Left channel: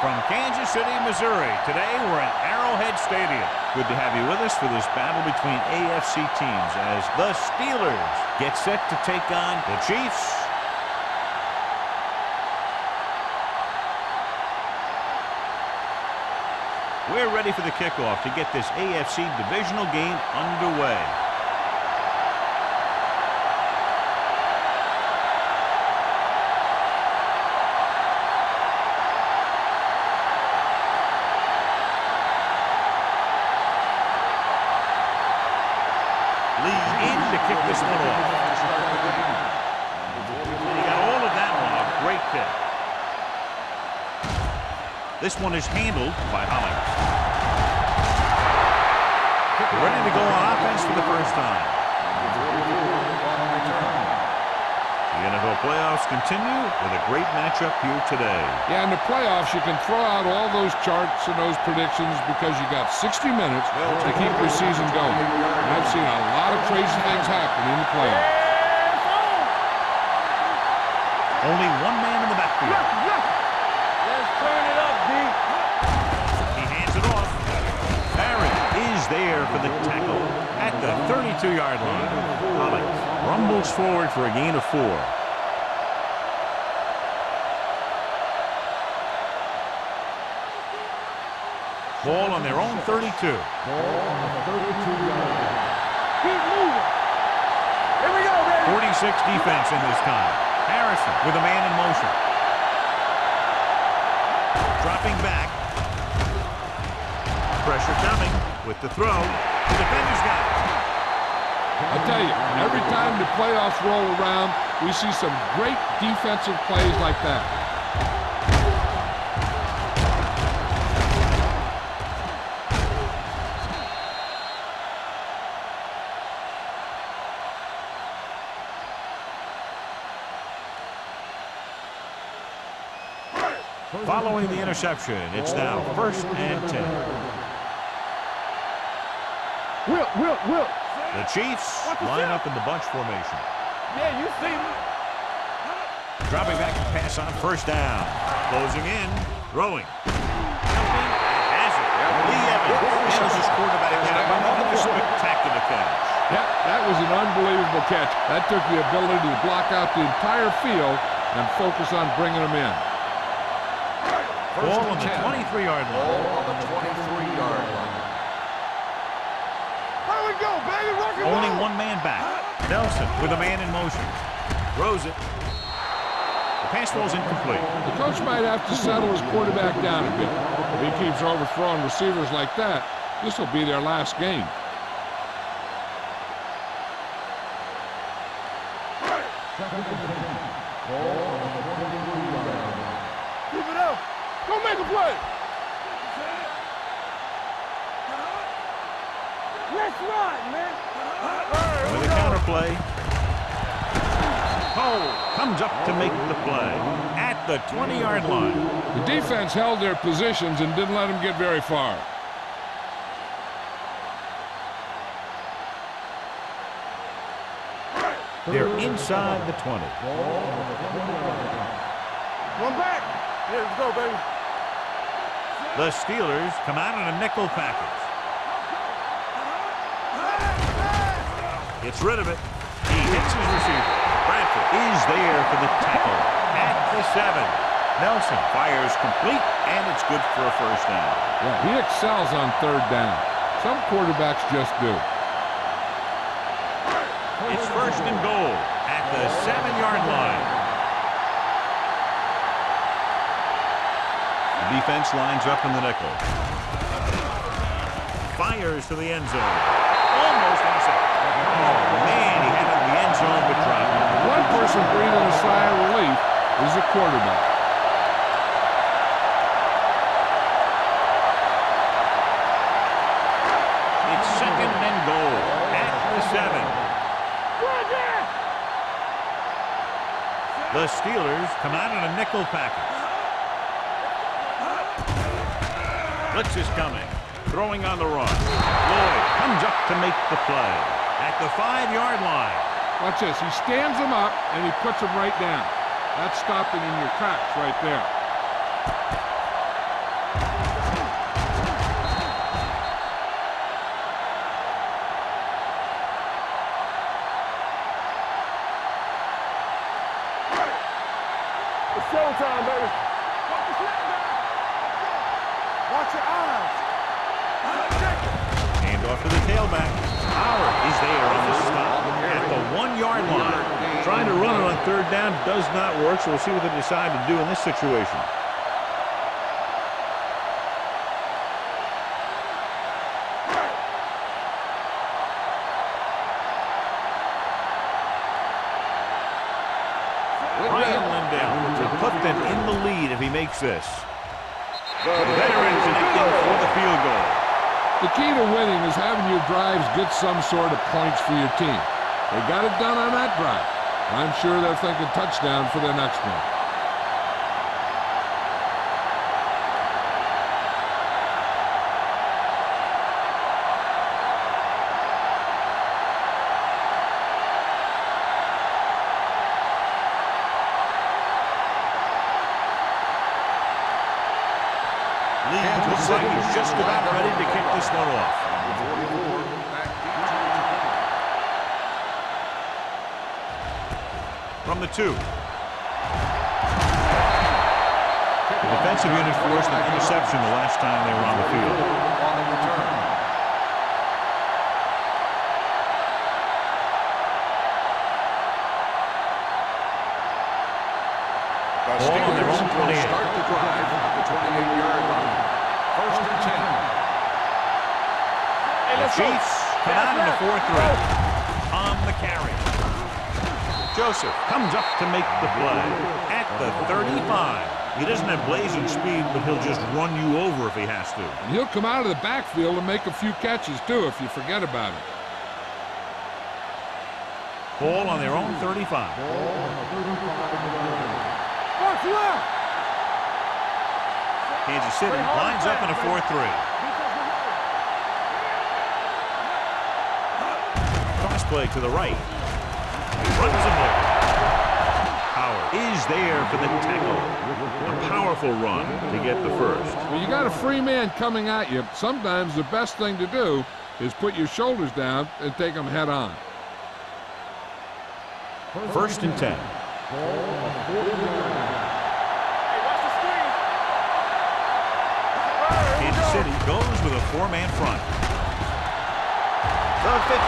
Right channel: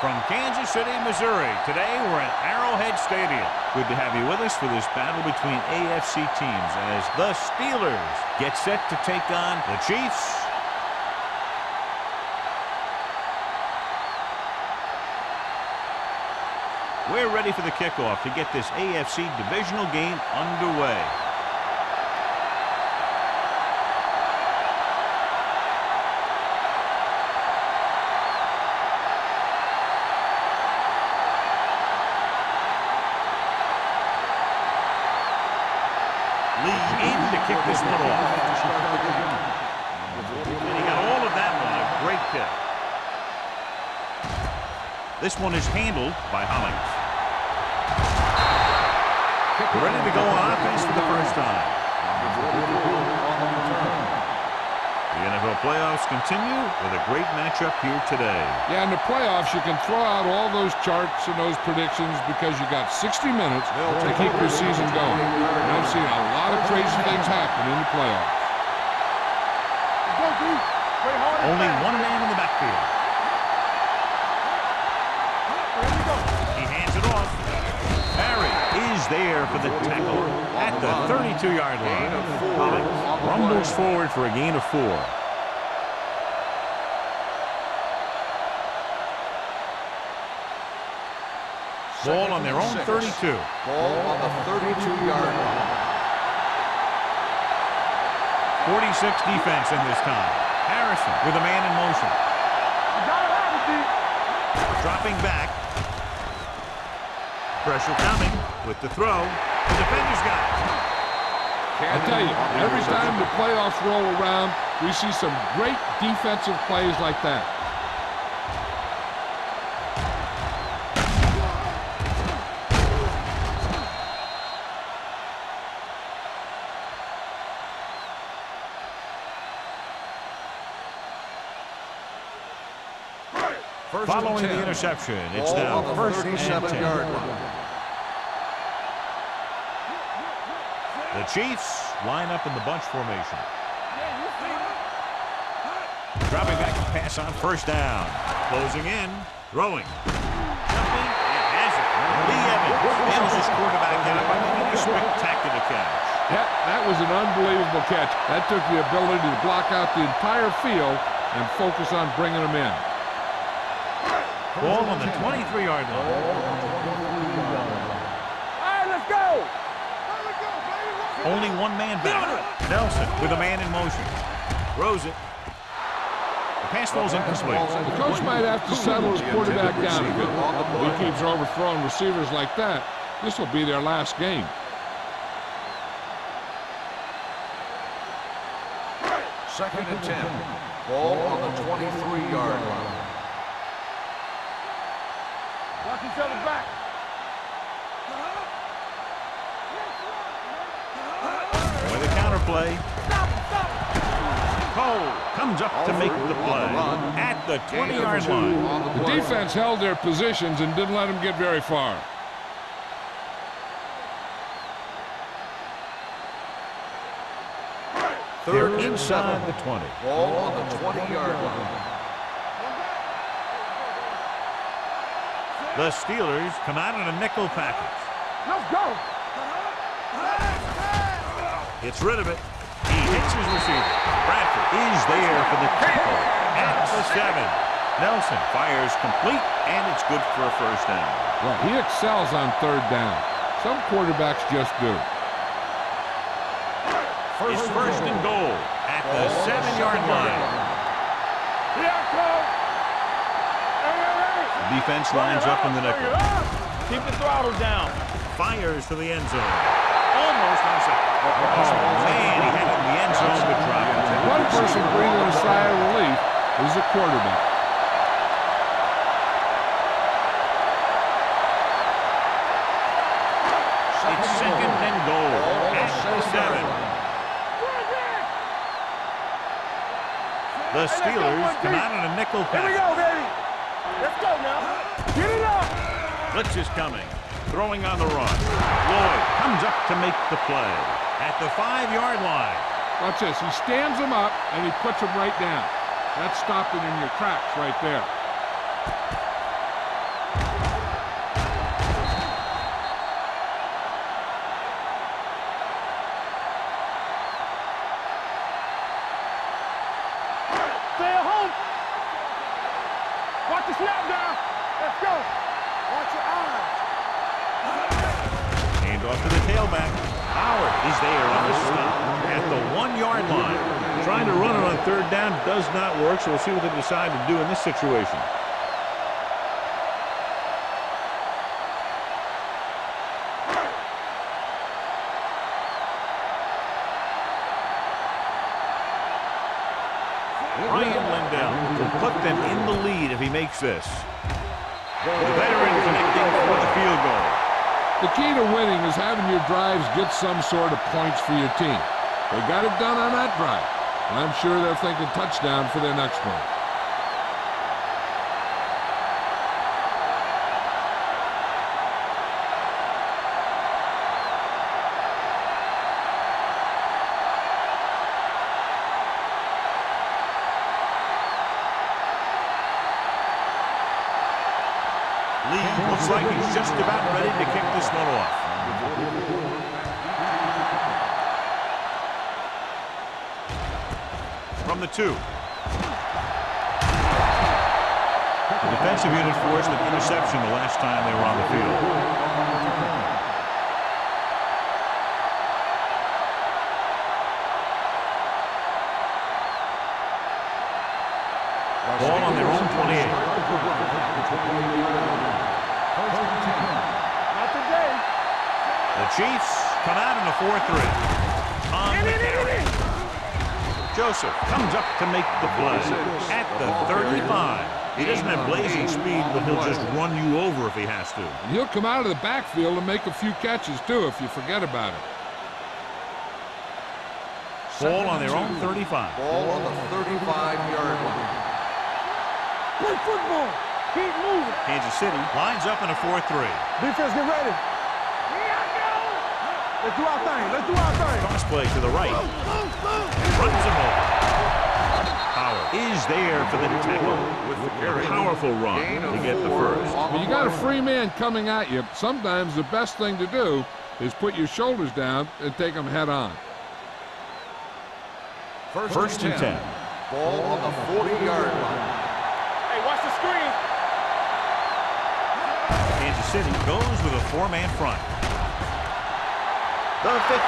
From Kansas City, Missouri, today we're at Arrowhead Stadium. Good to have you with us for this battle between AFC teams as the Steelers get set to take on the Chiefs. We're ready for the kickoff to get this AFC divisional game underway. Lee in to kick this one off. And he got all of that one. A great kick. This one is handled by Hollings. We're ready to go on offense for the first time. The NFL playoffs continue with a great matchup here today. Yeah, in the playoffs, you can throw out all those charts and those predictions because you got 60 minutes to keep your season going. And I've seen a lot of crazy things happen in the playoffs. Only one man in the backfield. He hands it off. Barry is there for the tackle at the 32-yard line. Hollings rumbles forward for a gain of 4. Ball on their own 32. 46 defense in this time. Harrison with a man in motion. Dropping back. Pressure coming with the throw. The defender's got it. I tell you, every time the playoffs roll around, we see some great defensive plays like that. Following the interception, it's now 1st and 10. The Chiefs line up in the bunch formation. Yeah, you see me. Dropping back to pass on 1st down. Closing in, throwing. Jumping, and has it. Lee Evans nails his quarterback out by making a spectacular catch. Yeah, that was an unbelievable catch. That took the ability to block out the entire field and focus on bringing them in. Ball on the 23-yard line. Ball on the 23-yard line. Only one man back. Nelson with a man in motion. Throws it. The pass ball's incomplete. The coach might have to settle his quarterback down a bit. If he keeps overthrowing receivers like that, this will be their last game. Second and 10. Ball on the 23-yard line. Keep it up. Go make a play. Let's run, man. With a counter play. Cole comes up to make the play at the 20-yard line. The defense held their positions and didn't let them get very far. They're inside the 20. Ball on the 20-yard line. One back. Here we go, baby. The Steelers come out in a nickel package. Let's go. Gets rid of it. He hits his receiver. Bradford is there for the tackle at the 7. Nelson fires complete, and it's good for a 1st down. Yeah, he excels on 3rd down. Some quarterbacks just do. It's 1st and goal at the 7-yard line. The defense lines up in the nickel. Keep the throttle down. Fires to the end zone. Almost intercepted. Oh, man, he had it in the end zone, but dropped it. One person breathing a sigh of relief is the quarterback. It's 2nd and goal at the 7. The Steelers come out in a nickel package. Blitz is coming. Throwing on the run. Lloyd comes up to make the play at the 5-yard line. Watch this. He stands them up, and he puts them right down. That's stopping in your tracks right there. showtime, baby. Watch the snap down. Let's go. Watch your eyes. Hand off to the tailback. Howard is there on the stop at the 1-yard line. Trying to run it on third down does not work, so we'll see what they decide to do in this situation. Ryan Lindell to put them in the lead if he makes this. The veteran connecting for the field goal. The key to winning is having your drives get some sort of points for your team. They got it done on that drive. And I'm sure they're thinking touchdown for their next one. Lee looks like he's just about ready to kick this one off. From the 2. The defensive unit forced an interception the last time they were on the field. Ball on their own 28. Start the drive at the 28-yard line. First and 10. The Chiefs come out in a 4-3. On the carry. Joseph comes up to make the play at the 35. He doesn't have blazing speed, but he'll just run you over if he has to. And he'll come out of the backfield and make a few catches, too, if you forget about it. Ball on their own 35. Ball on the 35-yard line. Kansas City lines up in a 4-3. Defense, get ready. Let's do our thing. Let's do our thing. Cross play to the right. Runs him over. Howard is there for the tackle. A powerful run to get the first. When you got a free man coming at you, sometimes the best thing to do is put your shoulders down and take them head on. First and 10. Ball on the 40-yard line. Hey, watch the screen. Kansas City goes with a 4-man front. The 50.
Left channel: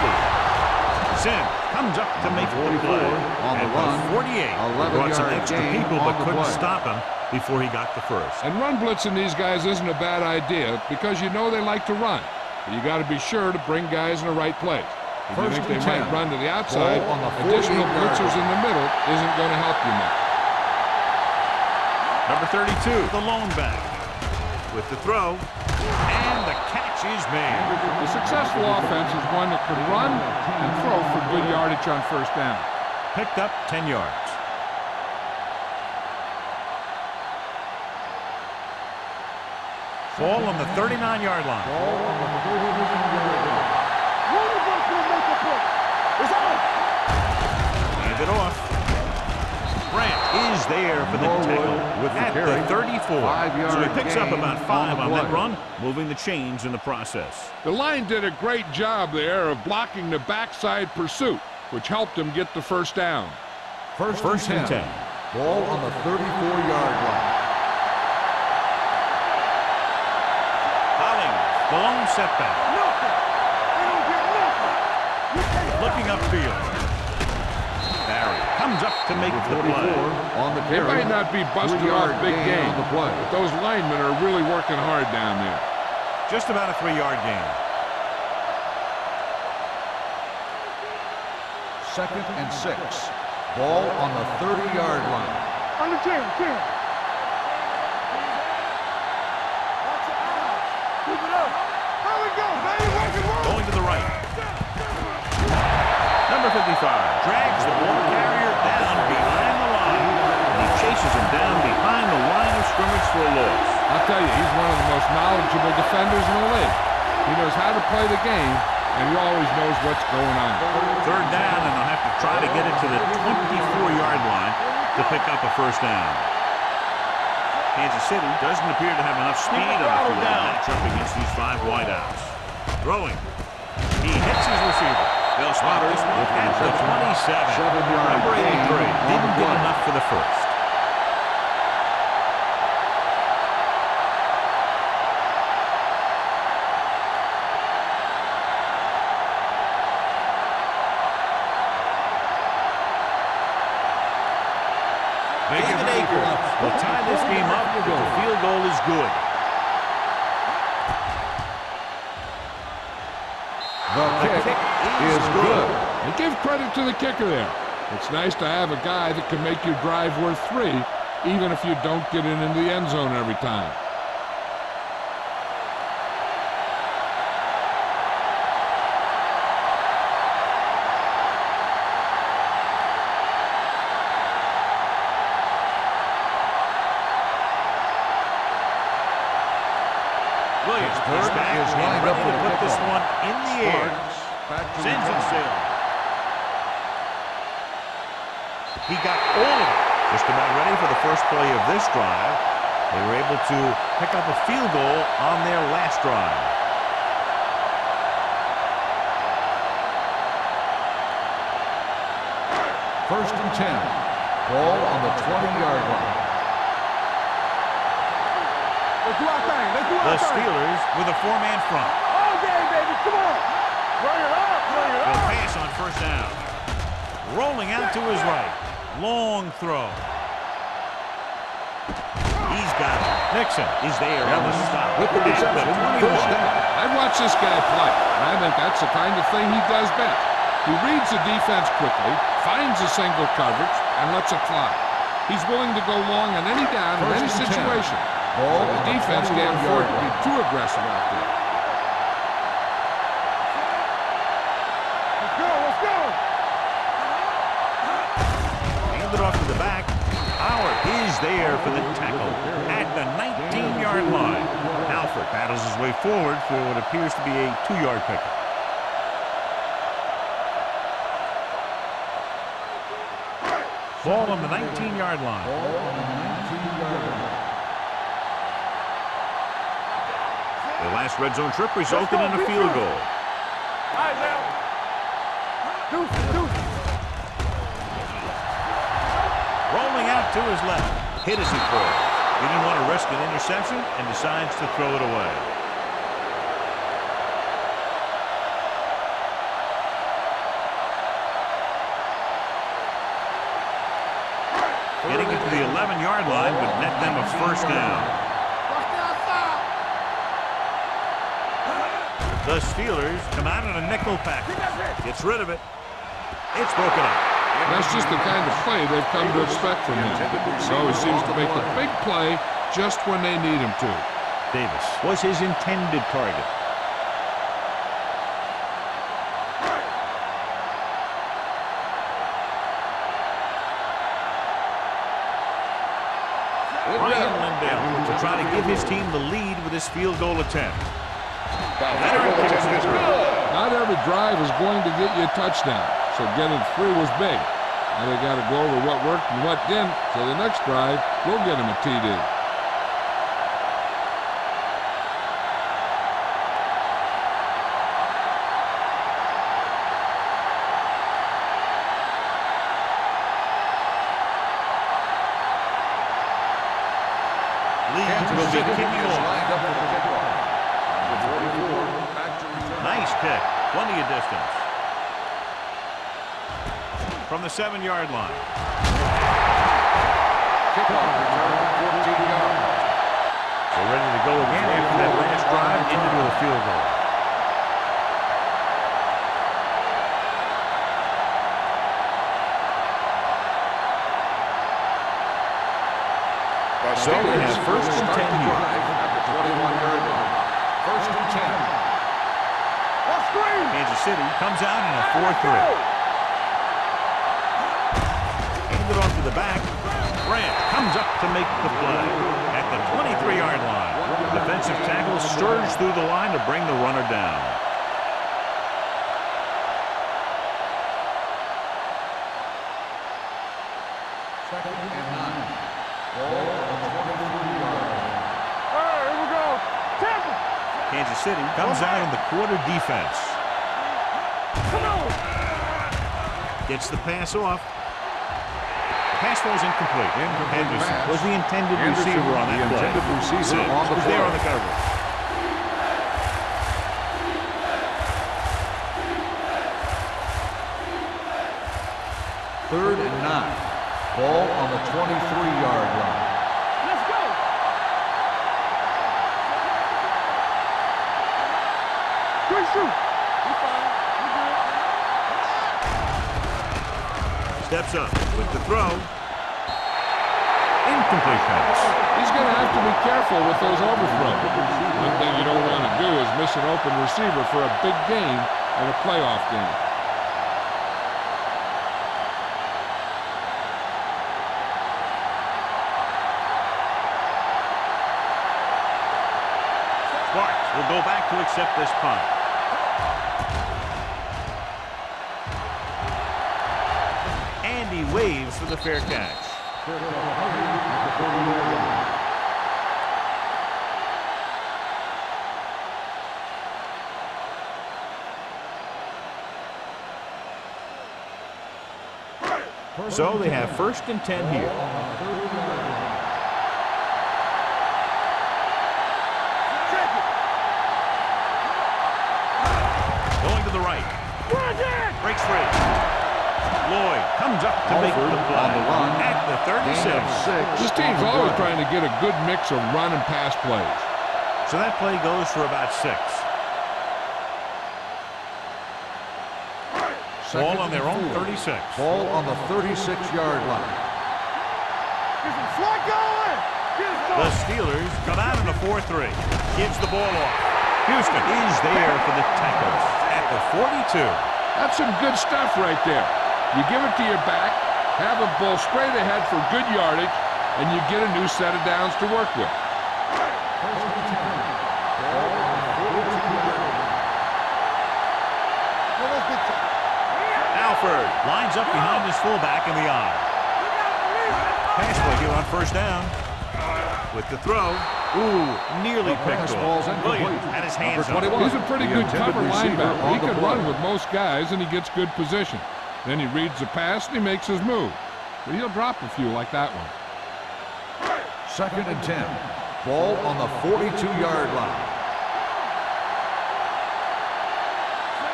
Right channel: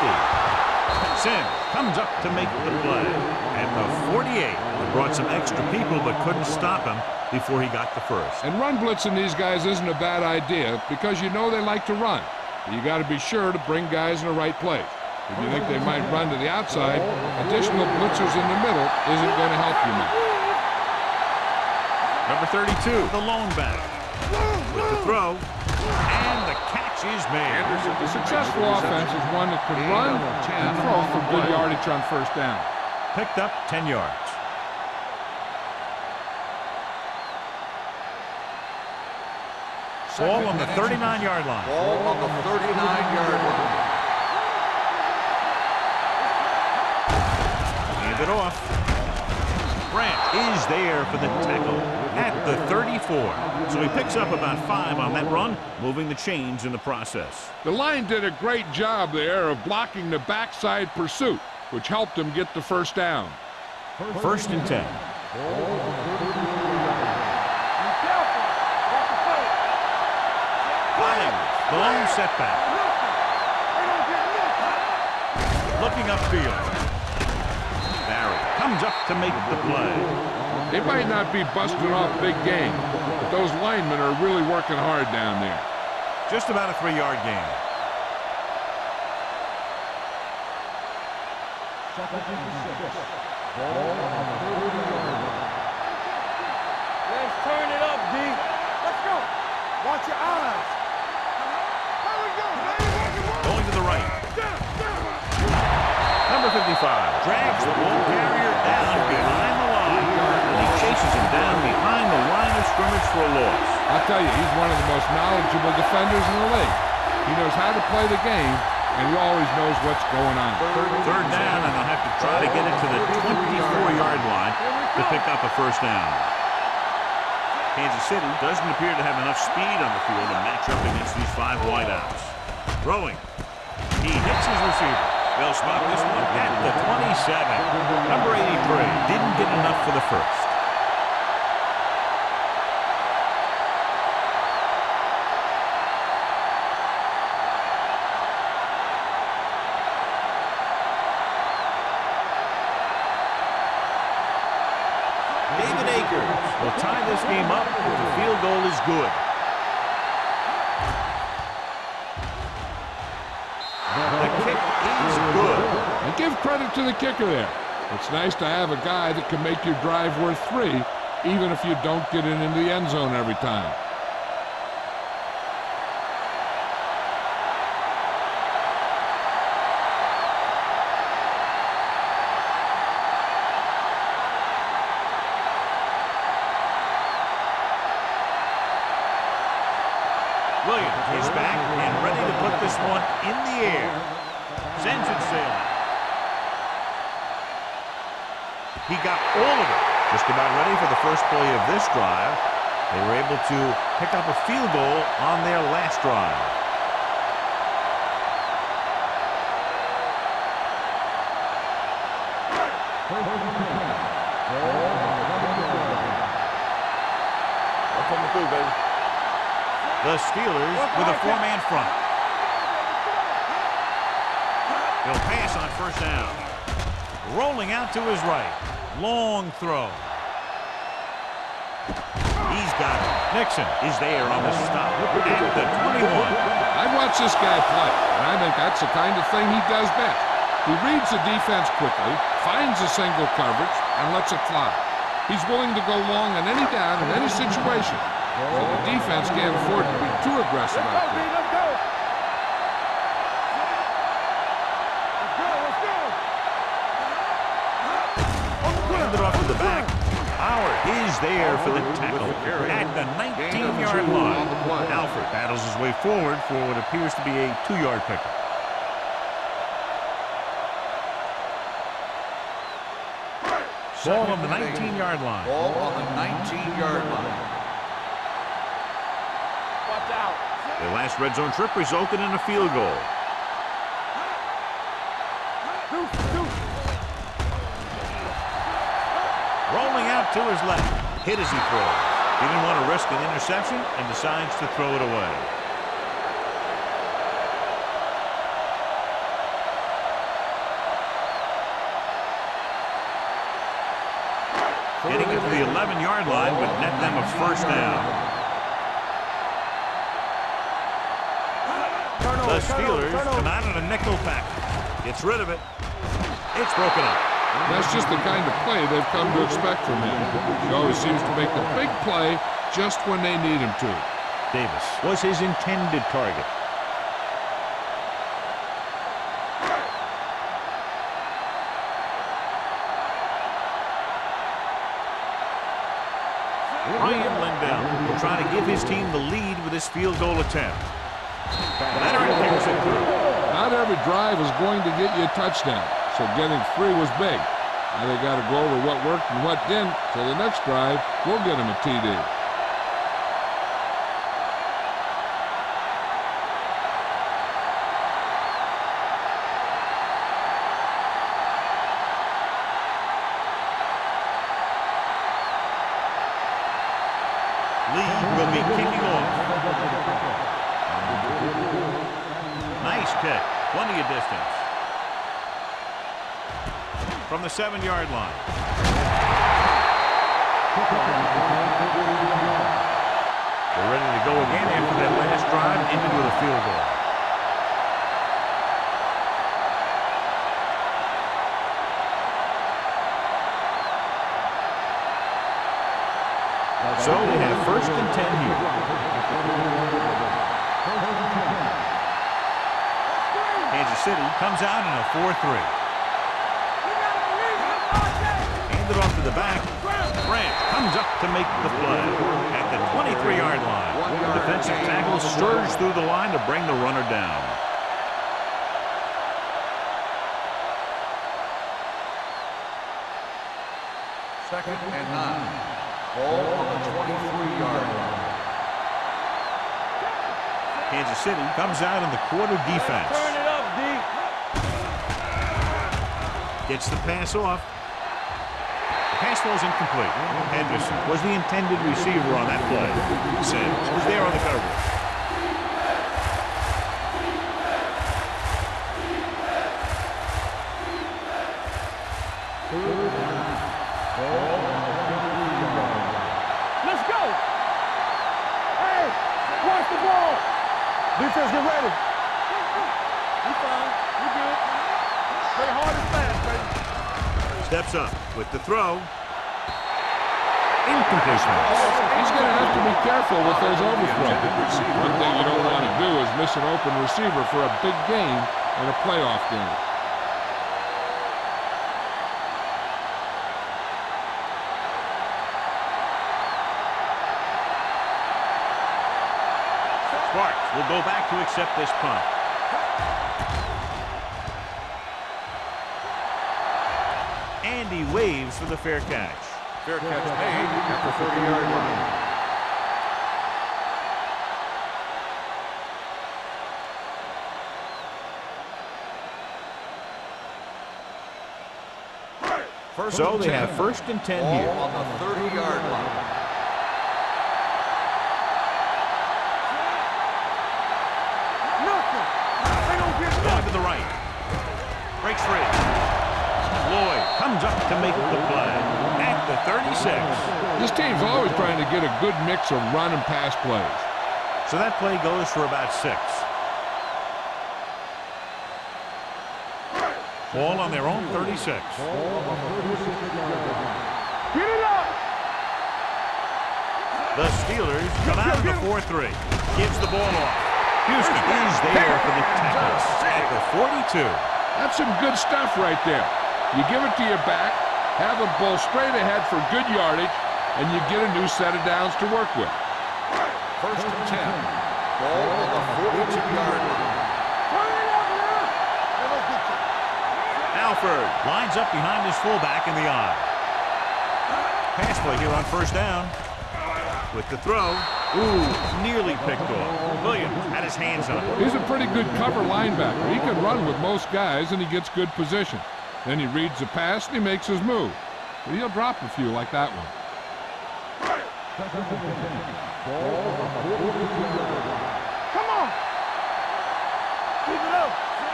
Sims comes up to make the play. At the 48, they brought some extra people but couldn't stop him before he got the first. And run blitzing these guys isn't a bad idea because you know they like to run. But you got to be sure to bring guys in the right place. If you think they might run to the outside, additional blitzers in the middle isn't going to help you much. Number 32, the lone back. With the throw, and the catch is made. A successful offense is one that can run and throw for good yardage on first down. Picked up 10 yards. Ball on the 39-yard line. Ball on the 39-yard line. Hand it off. Grant is there for the tackle at the 34. So he picks up about 5 on that run, moving the chains in the process. The line did a great job there of blocking the backside pursuit, which helped him get the first down. First and 10. Ball on the 34-yard line. Hollings, the lone setback. Looking upfield. Barry comes up to make the play. They might not be busting off big game, but those linemen are really working hard down there. Just about a 3-yard gain. Second and 6. Ball on the 30-yard line. On the 10. Let's turn it up, Jesus. Let's go. Watch your eyes. Keep it up. Here we go, baby. Going to the right. Number 55 drags the ball carrier down behind the line, and he chases him down behind the line of scrimmage for a loss. I'll tell you, he's one of the most knowledgeable defenders in the league. He knows how to play the game, and he always knows what's going on. Third down, and they'll have to try to get it to the 24-yard line to pick up a first down. Kansas City doesn't appear to have enough speed on the field to match up against these 5 wideouts. Throwing. He hits his receiver. They'll spot this one at the 27. Number 83 didn't get enough for the first. David Akers will tie this game up if the field goal is good. The kick is good. And give credit to the kicker there. It's nice to have a guy that can make your drive worth 3, even if you don't get it into the end zone every time. Williams is back and ready to put this one in the air. Sends it sailing. He got all of it. Just about ready for the first play of this drive. They were able to pick up a field goal on their last drive. First and 10. Ball on the 20-yard line. Coming through, baby. Let's do our thing. Let's do our The thing. Steelers with a 4-man front. All game, baby. Come on. Bring it up. Bring it up. He'll pass on first down. Rolling out to his right. Long throw. He's got it. Nixon is there on the stop at the 21. I've watched this guy play, and I think that's the kind of thing he does best. He reads the defense quickly, finds a single coverage, and lets it fly. He's willing to go long on any down in any situation, so the defense can't afford to be too aggressive out there. Let's go. Let's go. Let's go. Handed off to the back. Howard is there for the tackle at the 19-yard line. Alford battles his way forward for what appears to be a 2-yard pickup. Ball on the 19-yard line. Ball on the 19-yard line. Watch out. The last red zone trip resulted in a field goal. All right, now. Deuce, deuce. Rolling out to his left. Hit as he throws. He didn't want to risk an interception and decides to throw it away. Getting it to the 11-yard line would net them a first down. The Steelers come out in a nickel package. Gets rid of it. It's broken up. That's just the kind of play they've come to expect from him. He always seems to make the big play just when they need him to. Davis was his intended target. Ryan Lindell will try to give his team the lead with this field goal attempt. Leonard kicks it through. Not every drive is going to get you a touchdown, so getting 3 was big. Now they got to go over what worked and what didn't, so the next drive will get him a TD. Lee will be kicking off. Nice kick. Plenty of distance. From the 7-yard line. They're ready to go again after that last drive ended with a field goal. So they have first and 10 here. First and 10. Kansas City comes out in a 4-3. Handed off to the back. Branch comes up to make the play at the 23-yard line. The defensive tackle surged through the line to bring the runner down. Second and 9. Ball on the 23-yard line. Kansas City comes out in the quarter defense. Gets the pass off. The pass falls incomplete. Henderson was the intended receiver on that play. Sims was there on the coverage. Third and 9. Ball on the 23-yard line. Let's go. Hey, watch the ball. Defense, get ready. Quick shoot. We fine. We good. Steps up with the throw. Incomplete pass. He's going to have to be careful with those overthrows. One thing you don't want to do is miss an open receiver for a big gain in a playoff game. Sparks will go back to accept this punt. And he waves for the fair catch. Fair catch made at the 40-yard line. So they have 1st and 10 here. On the 30-yard line. Going to the right. Breaks free. Lloyd comes up to make the play at the 36. This team's always trying to get a good mix of run and pass plays. So that play goes for about 6. Ball on their own 36. Ball on the 36-yard line. Get it up. This is flat going. The Steelers come out in a 4-3. Gives the ball off. Houston is there for the tackle at the 42. That's some good stuff right there. You give it to your back, have him bowl straight ahead for good yardage, and you get a new set of downs to work with. 1st and 10. Ball on the 42-yard line. Alford lines up behind his fullback in the eye. Pass play here on 1st down. With the throw. Ooh, nearly picked off. Williams had his hands on it. He's a pretty good cover linebacker. He can run with most guys, and he gets good position. Then he reads the pass, and he makes his move. But he'll drop a few like that one. 2nd and 10. Ball on the 42-yard line.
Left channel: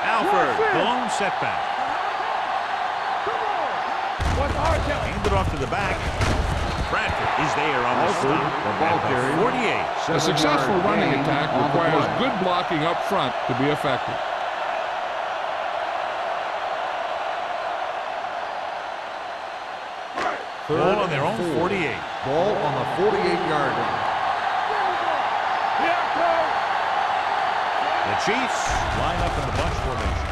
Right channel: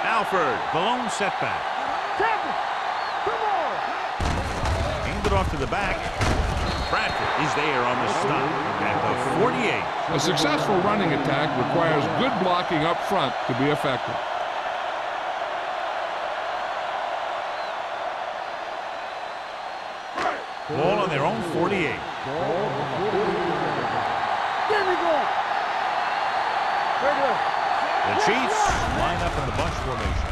Alford, the lone setback. Handed off to the back. Bradford is there on the stop at the 48. A successful running attack requires good blocking up front to be effective. Ball on their own 48. Ball on the 48-yard line. The Chiefs line up in the bunch formation.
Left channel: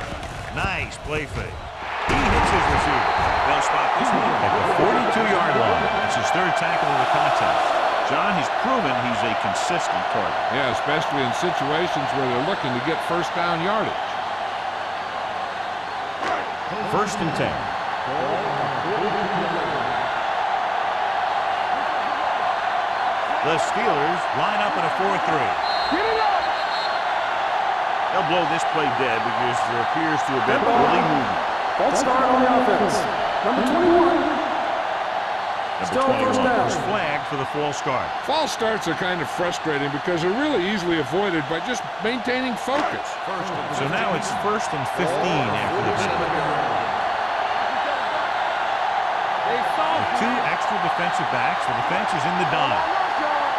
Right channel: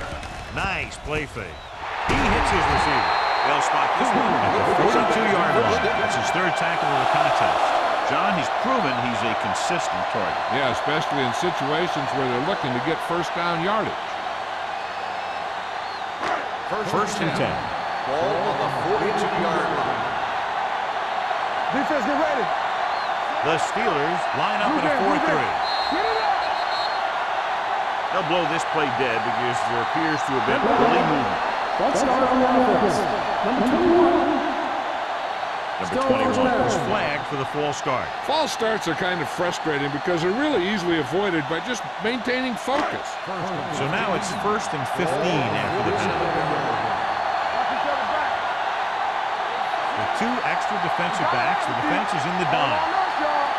Nice play fake. He hits his receiver. They'll spot this one at the 42-yard line. That's his 3rd tackle of the contest. John, he's proven he's a consistent target. Yeah, especially in situations where they're looking to get 1st down yardage. 1st and 10. Ball on the 42-yard line. Defense, get ready. The Steelers line up in a 4-3. Get it up. They'll blow this play dead because there appears to have been early movement. False start on the offense. Number 21. Number Still 21 first down. was flagged for the false start. False starts are kind of frustrating because they're really easily avoided by just maintaining focus. So now it's 1st and 15 after the penalty. Watch each other back. They saw With 2 extra defensive backs, the defense is in the Hold dime. on us, y'all.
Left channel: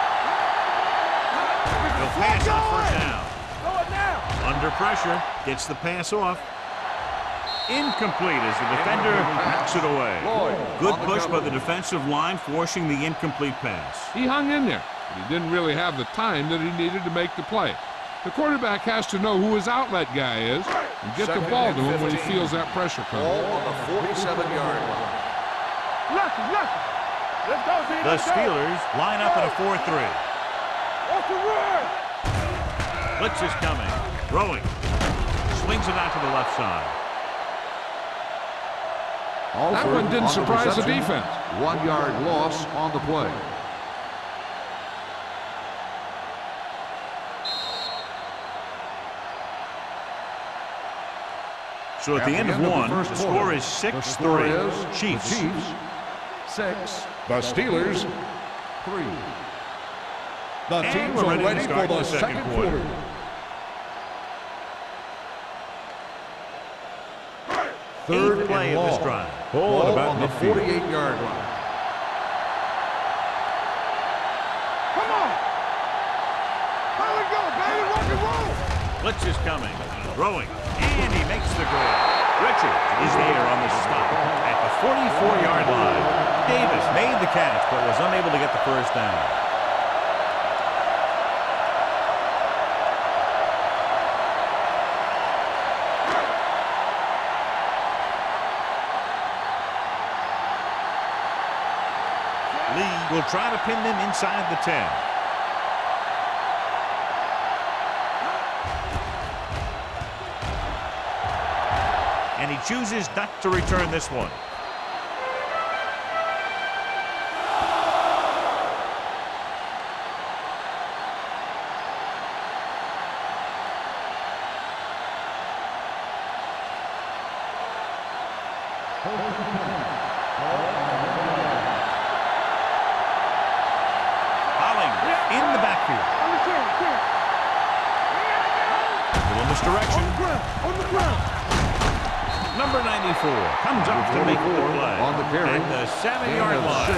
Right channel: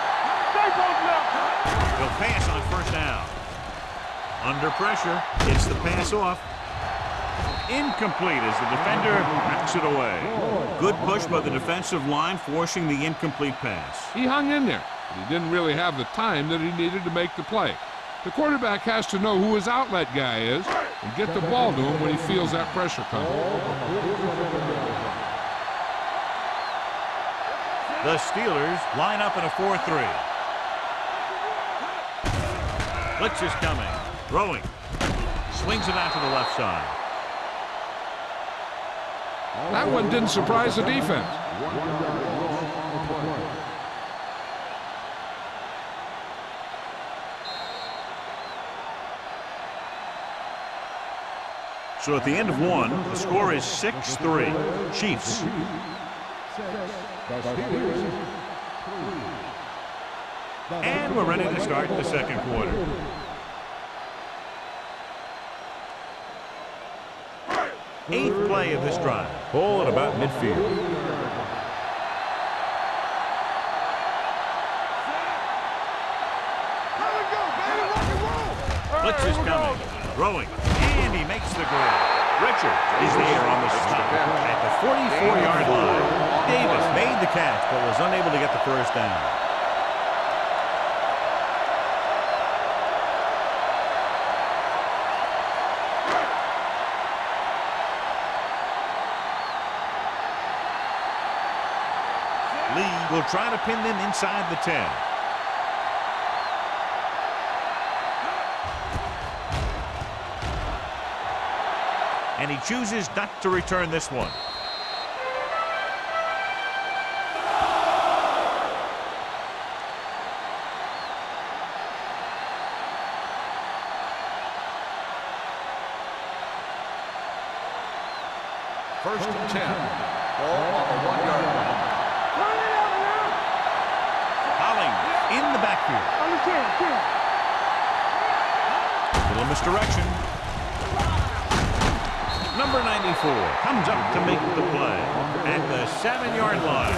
They'll pass on 1st down. Throw it now. Under pressure, gets the pass off. Incomplete as the defender knocks it away. Good push by the defensive line, forcing the incomplete pass. He hung in there, but he didn't really have the time that he needed to make the play. The quarterback has to know who his outlet guy is and get the ball to him when he feels that pressure coming. Ball on the 47-yard line. The Steelers line up in a 4-3. Blitz is coming. Throwing. Swings it out to the left side. That one didn't surprise the defense. 1-yard loss on the play. So at the end of one, the score is 6-3. Chiefs. 6. The Steelers. 3. And we're ready to start the second quarter. Eighth play of this drive. Ball at about midfield. 48-yard line. Blitz is coming. Throwing. And he makes the grab. Richards is there on the stop at the 44-yard line. Davis made the catch but was unable to get the first down. Lee will try to pin them inside the 10. And he chooses not to return this one. First and 10. Ball on the 1-yard line. Hollings in the backfield. Little misdirection. Number 94 comes up to make the play at the 7-yard line.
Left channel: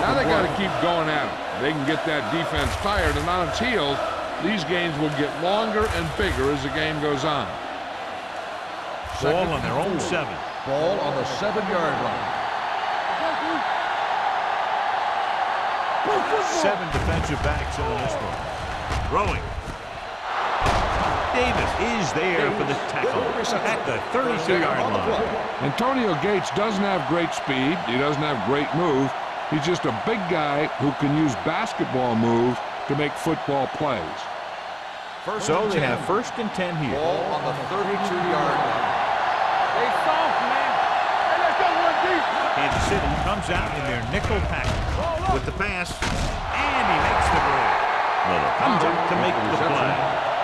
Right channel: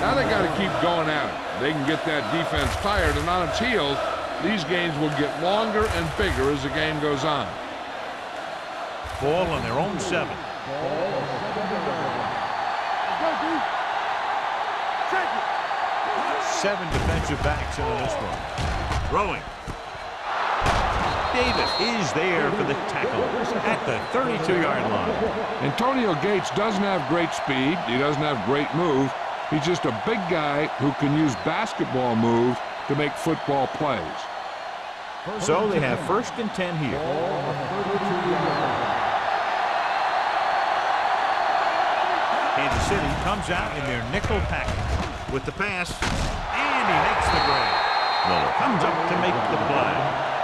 Now they got to keep going at it. They can get that defense tired and on its heels. These games will get longer and bigger as the game goes on. Ball on their own 7. Ball on the 7-yard line. 7 defensive backs in on this one. Throwing. Davis is there for the tackle at the 32-yard line. Antonio Gates doesn't have great speed. He doesn't have great move. He's just a big guy who can use basketball moves to make football plays. So they have first and 10 here. Ball on the 32-yard line. Kansas City comes out in their nickel package with the pass, and he makes the grab. Miller comes up to make the play.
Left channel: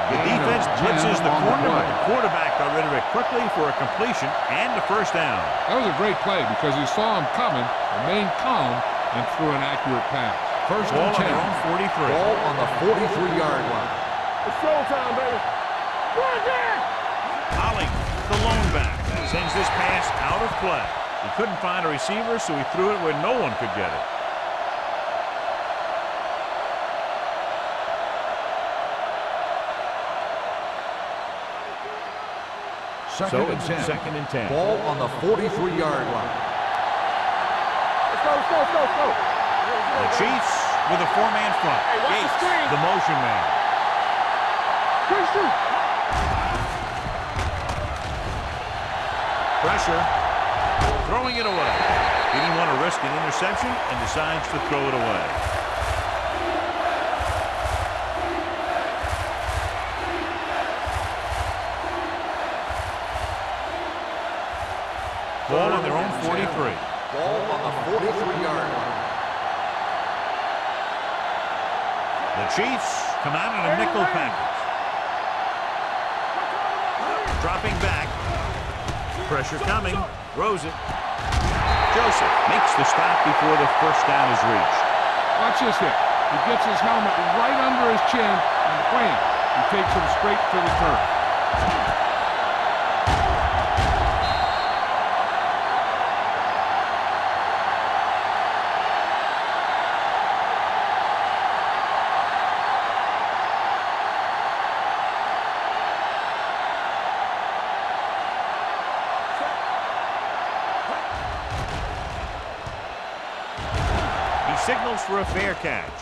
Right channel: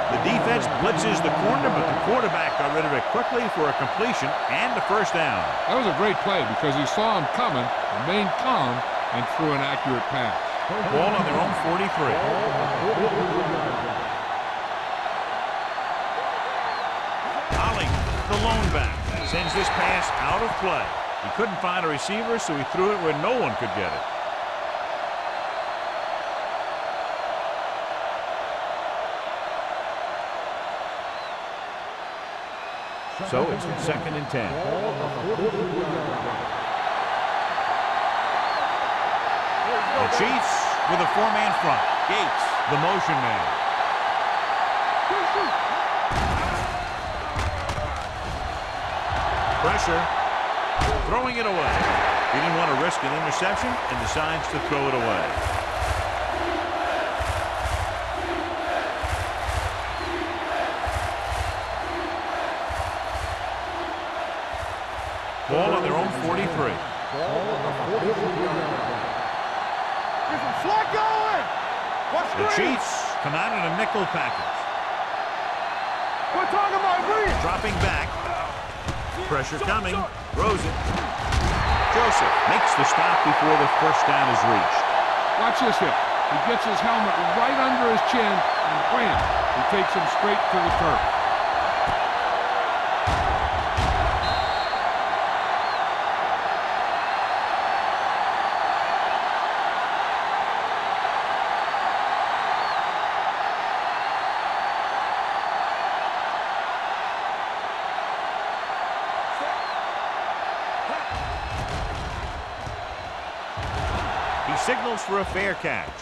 The defense blitzes the corner, but the quarterback got rid of it quickly for a completion and a first down. That was a great play because he saw him coming, remained calm, and threw an accurate pass. First Ball and on 10. their own 43. Ball on the 43-yard line. Hollings, the lone back, sends this pass out of play. He couldn't find a receiver, so he threw it where no one could get it. So it's second and 10. Ball on the 43-yard line. The Chiefs with a 4-man front. Gates, the motion man. Pressure. Throwing it away. He didn't want to risk an interception and decides to throw it away. Ball on their own 43. Ball on the 43-yard line. The Chiefs come out in a nickel package. Dropping back. Pressure coming. Throws it. Joseph makes the stop before the first down is reached. Watch this hit. He gets his helmet right under his chin, and wham! He takes him straight to the turf. Signals for a fair catch.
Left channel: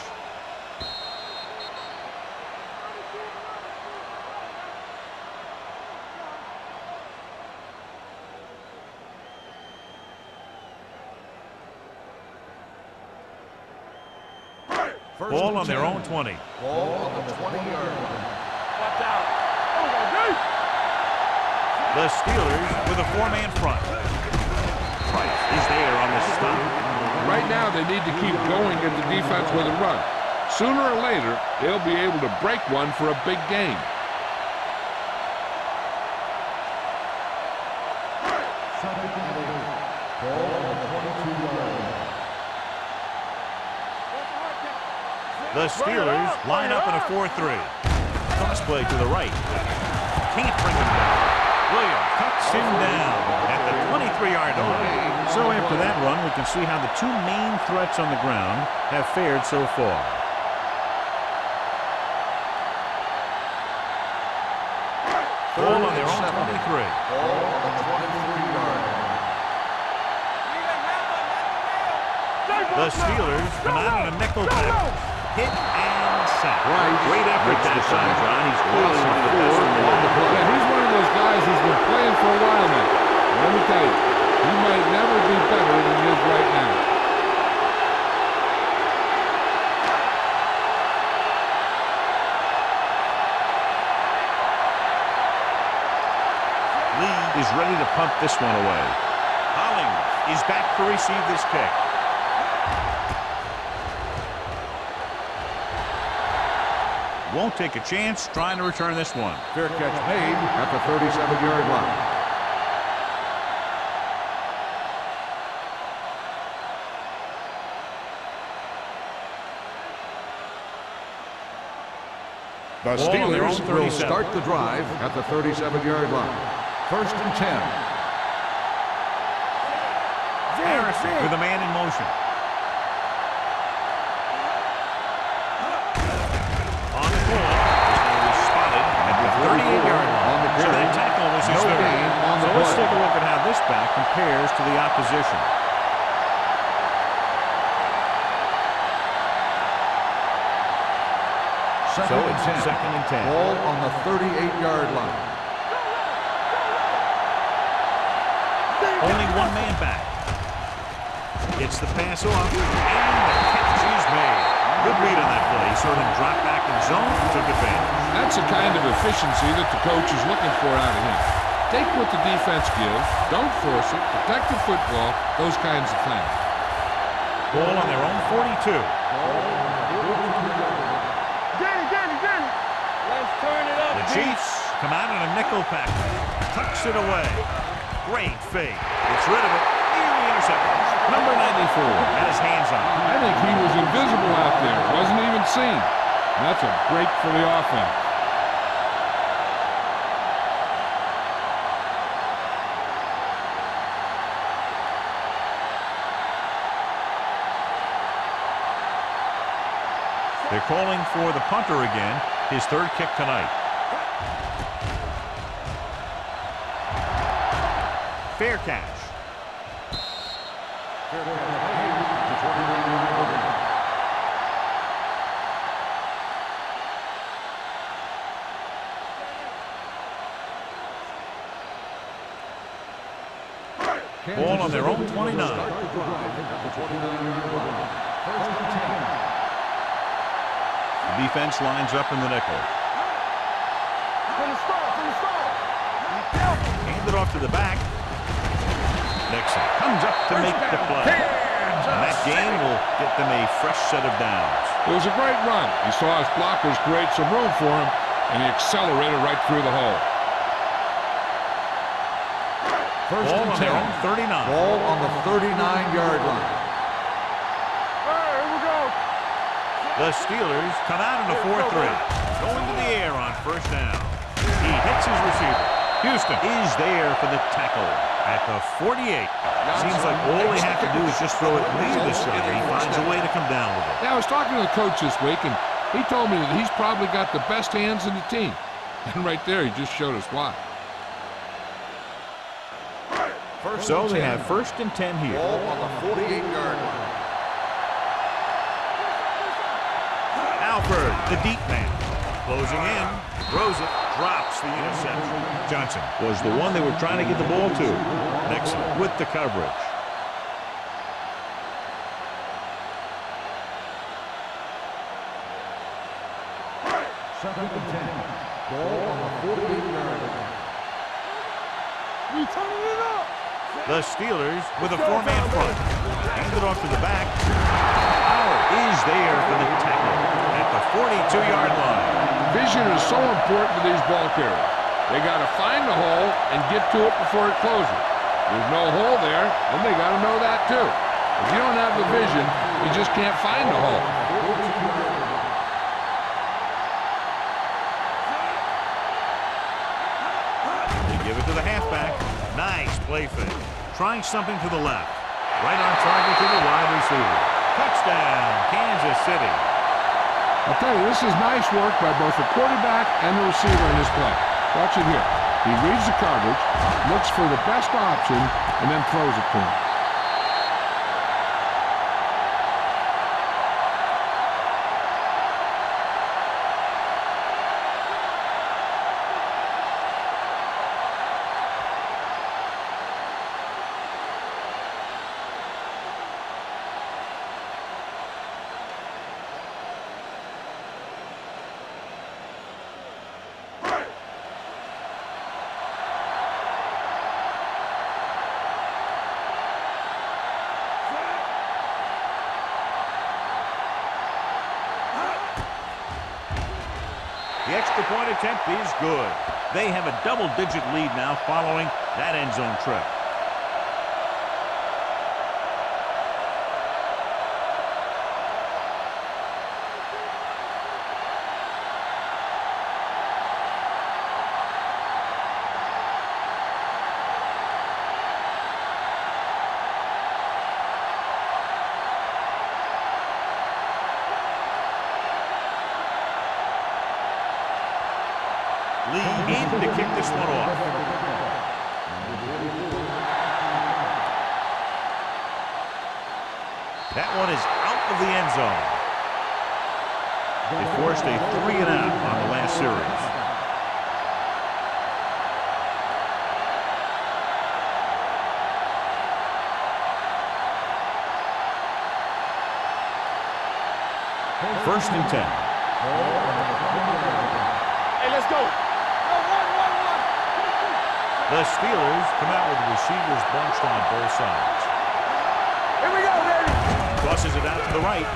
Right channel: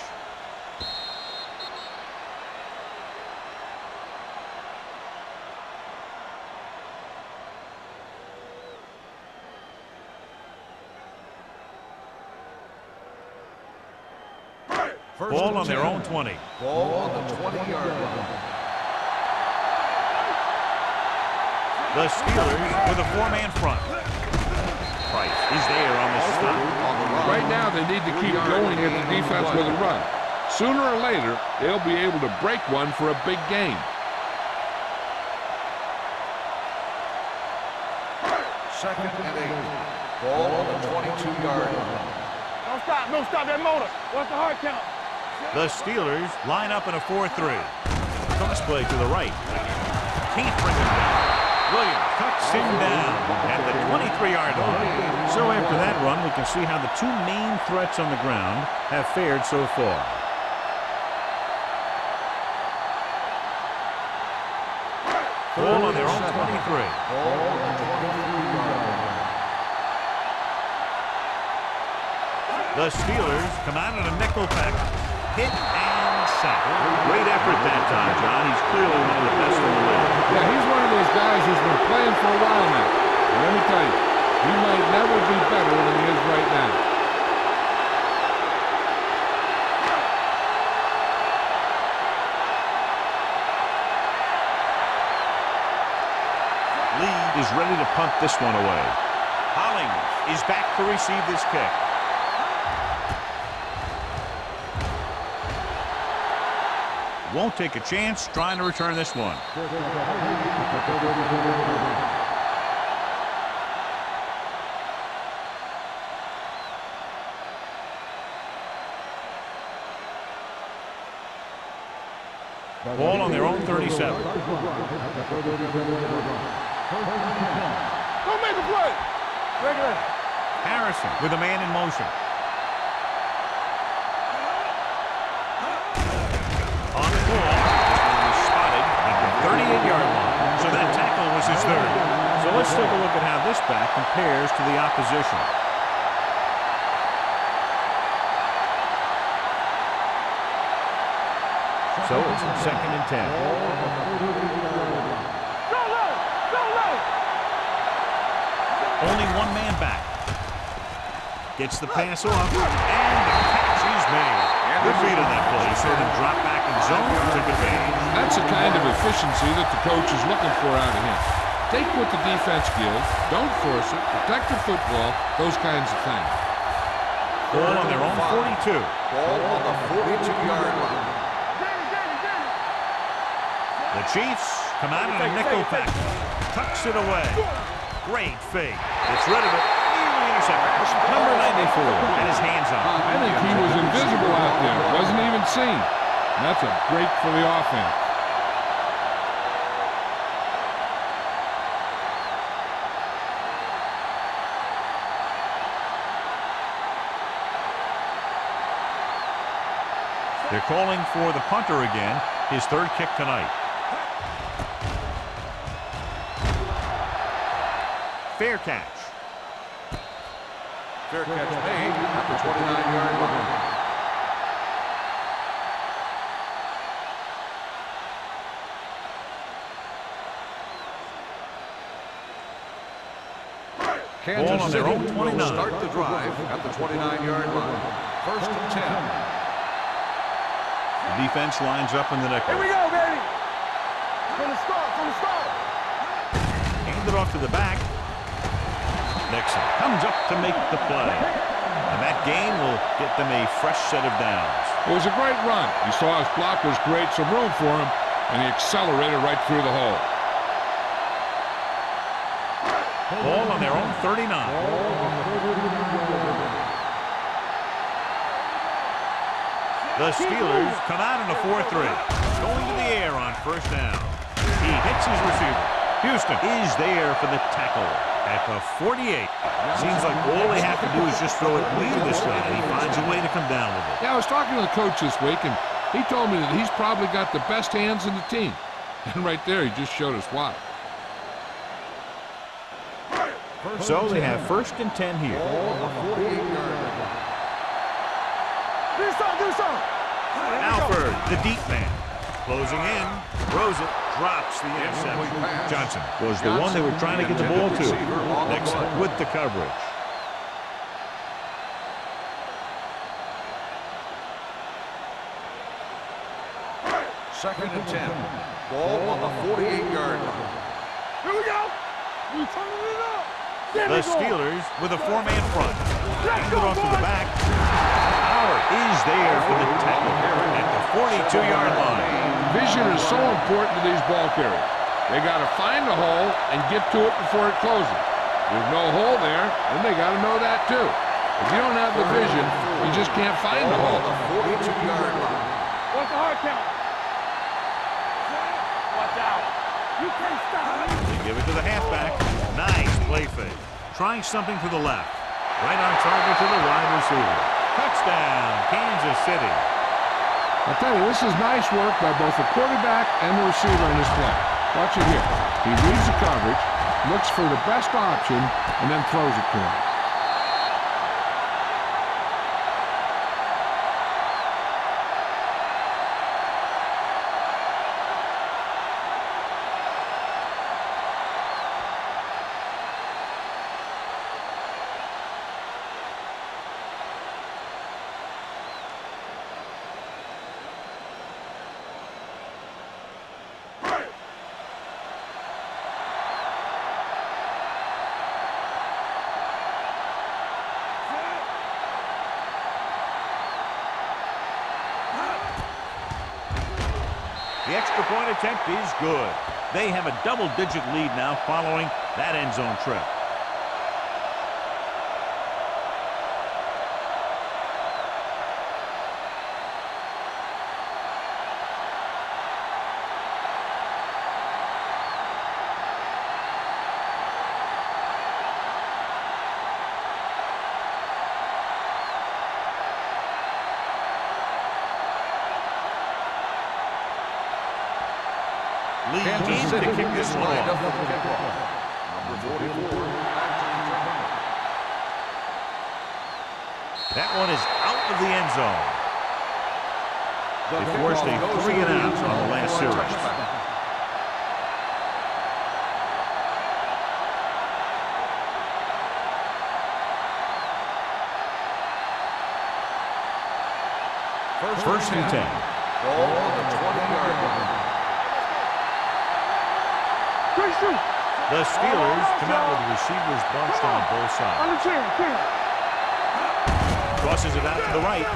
Ball on their own 20. Ball on the 20-yard line. The Steelers with a 4-man front. Price is there on the stop. Right now, they need to keep going at the defense with a run. Sooner or later, they'll be able to break one for a big game. Second and 8. Ball on the 22-yard line. Don't stop that motor. What's the hard count? The Steelers line up in a 4-3. Crossplay to the right. Can't bring him down. Williams cuts him down at the 23-yard line. So after that run, we can see how the two main threats on the ground have fared so far. Ball on their own 7. 23. Ball on the 23-yard line. The Steelers come out in a nickel package. Hit and sack. Great effort that time, John. He's clearly one of the best in the league. Yeah, he's one of those guys who's been playing for a while now. And let me tell you, he might never be better than he is right now. Lee is ready to punt this one away. Hollings is back to receive this kick. Won't take a chance trying to return this one. Fair catch made at the 37-yard line. The Ball on their own Steelers 37. Will start the drive at the 37-yard line. 1st and 10. Go make a play. Harrison with a man in motion. On the ball, this one will be spotted at the 38-yard line. So that tackle was his third. So let's take a look at how this back compares to the opposition. So it's 2nd and 10. Ball on the 38-yard line. Go low. Go low. Only one man back. Gets the pass off, and the catch is made. Good read on that play. He saw them drop back in zone and took advantage. That's the kind of efficiency that the coach is looking for out of him. Take what the defense gives, don't force it, protect the football, those kinds of things. Ball on their own 42. Ball on the 42-yard line. Danny. Let's turn it up. The Chiefs come out in a nickel package. Tucks it away. Great fake. Gets rid of it. Nearly intercepted. Number 94 had his hands on it. I think he was invisible out there, wasn't even seen. And that's a break for the offense. They're calling for the punter again, his third kick tonight. Fair catch. Fair catch made at the 29-yard line. Ball on their own City 29. will start the drive at the 29-yard line. 1st and 10. The defense lines up in the nickel. Here we go, baby. From the start. Hand it off to the back. Nixon comes up to make the play. And that gain will get them a fresh set of downs. It was a great run. He saw his blockers create some room for him, and he accelerated right through the hole. Ball on their own 39. Ball on the 39-yard line. The Steelers come out in a 4-3. Going to the air on 1st down. He hits his receiver. Houston is there for the tackle at the 48. Seems like all they have to do is just throw it near this guy. He finds a way to come down with it. Yeah, I was talking to the coach this week, and he told me that he's probably got the best hands in the team. And right there, he just showed us why. So they have 1st and 10 here. Ball on the 48-yard line. Alford, the deep man. Closing in, throws it, drops the interception. Johnson was the one they were trying to get the ball to. Nixon with the coverage. Second and 10. Ball on the 48-yard line. Here we go. We turning it up. The Steelers with a 4-man front. Hand it off to the back. Howard is there for the tackle at the 42-yard line. Vision is so important to these ball carriers. They got to find the hole and get to it before it closes. There's no hole there, then they got to know that too. If you don't have the vision, you just can't find the hole. 42-yard line. What's the hard count? Watch out. They give it to the halfback. Nice play fake. Trying something to the left. Right on target to the wide receiver. Touchdown, Kansas City. I'll tell you, this is nice work by both the quarterback and the receiver in this play. Watch it here. He reads the coverage, looks for the best option, and then throws it to him. The extra point attempt is good. They have a double-digit lead now following that end zone trip. Lee aimed to kick this one off. That one is out of the end zone. They forced a 3-and-out on the last series. First and 10. The Steelers come out with receivers bunched on both sides. Tosses it out to the right.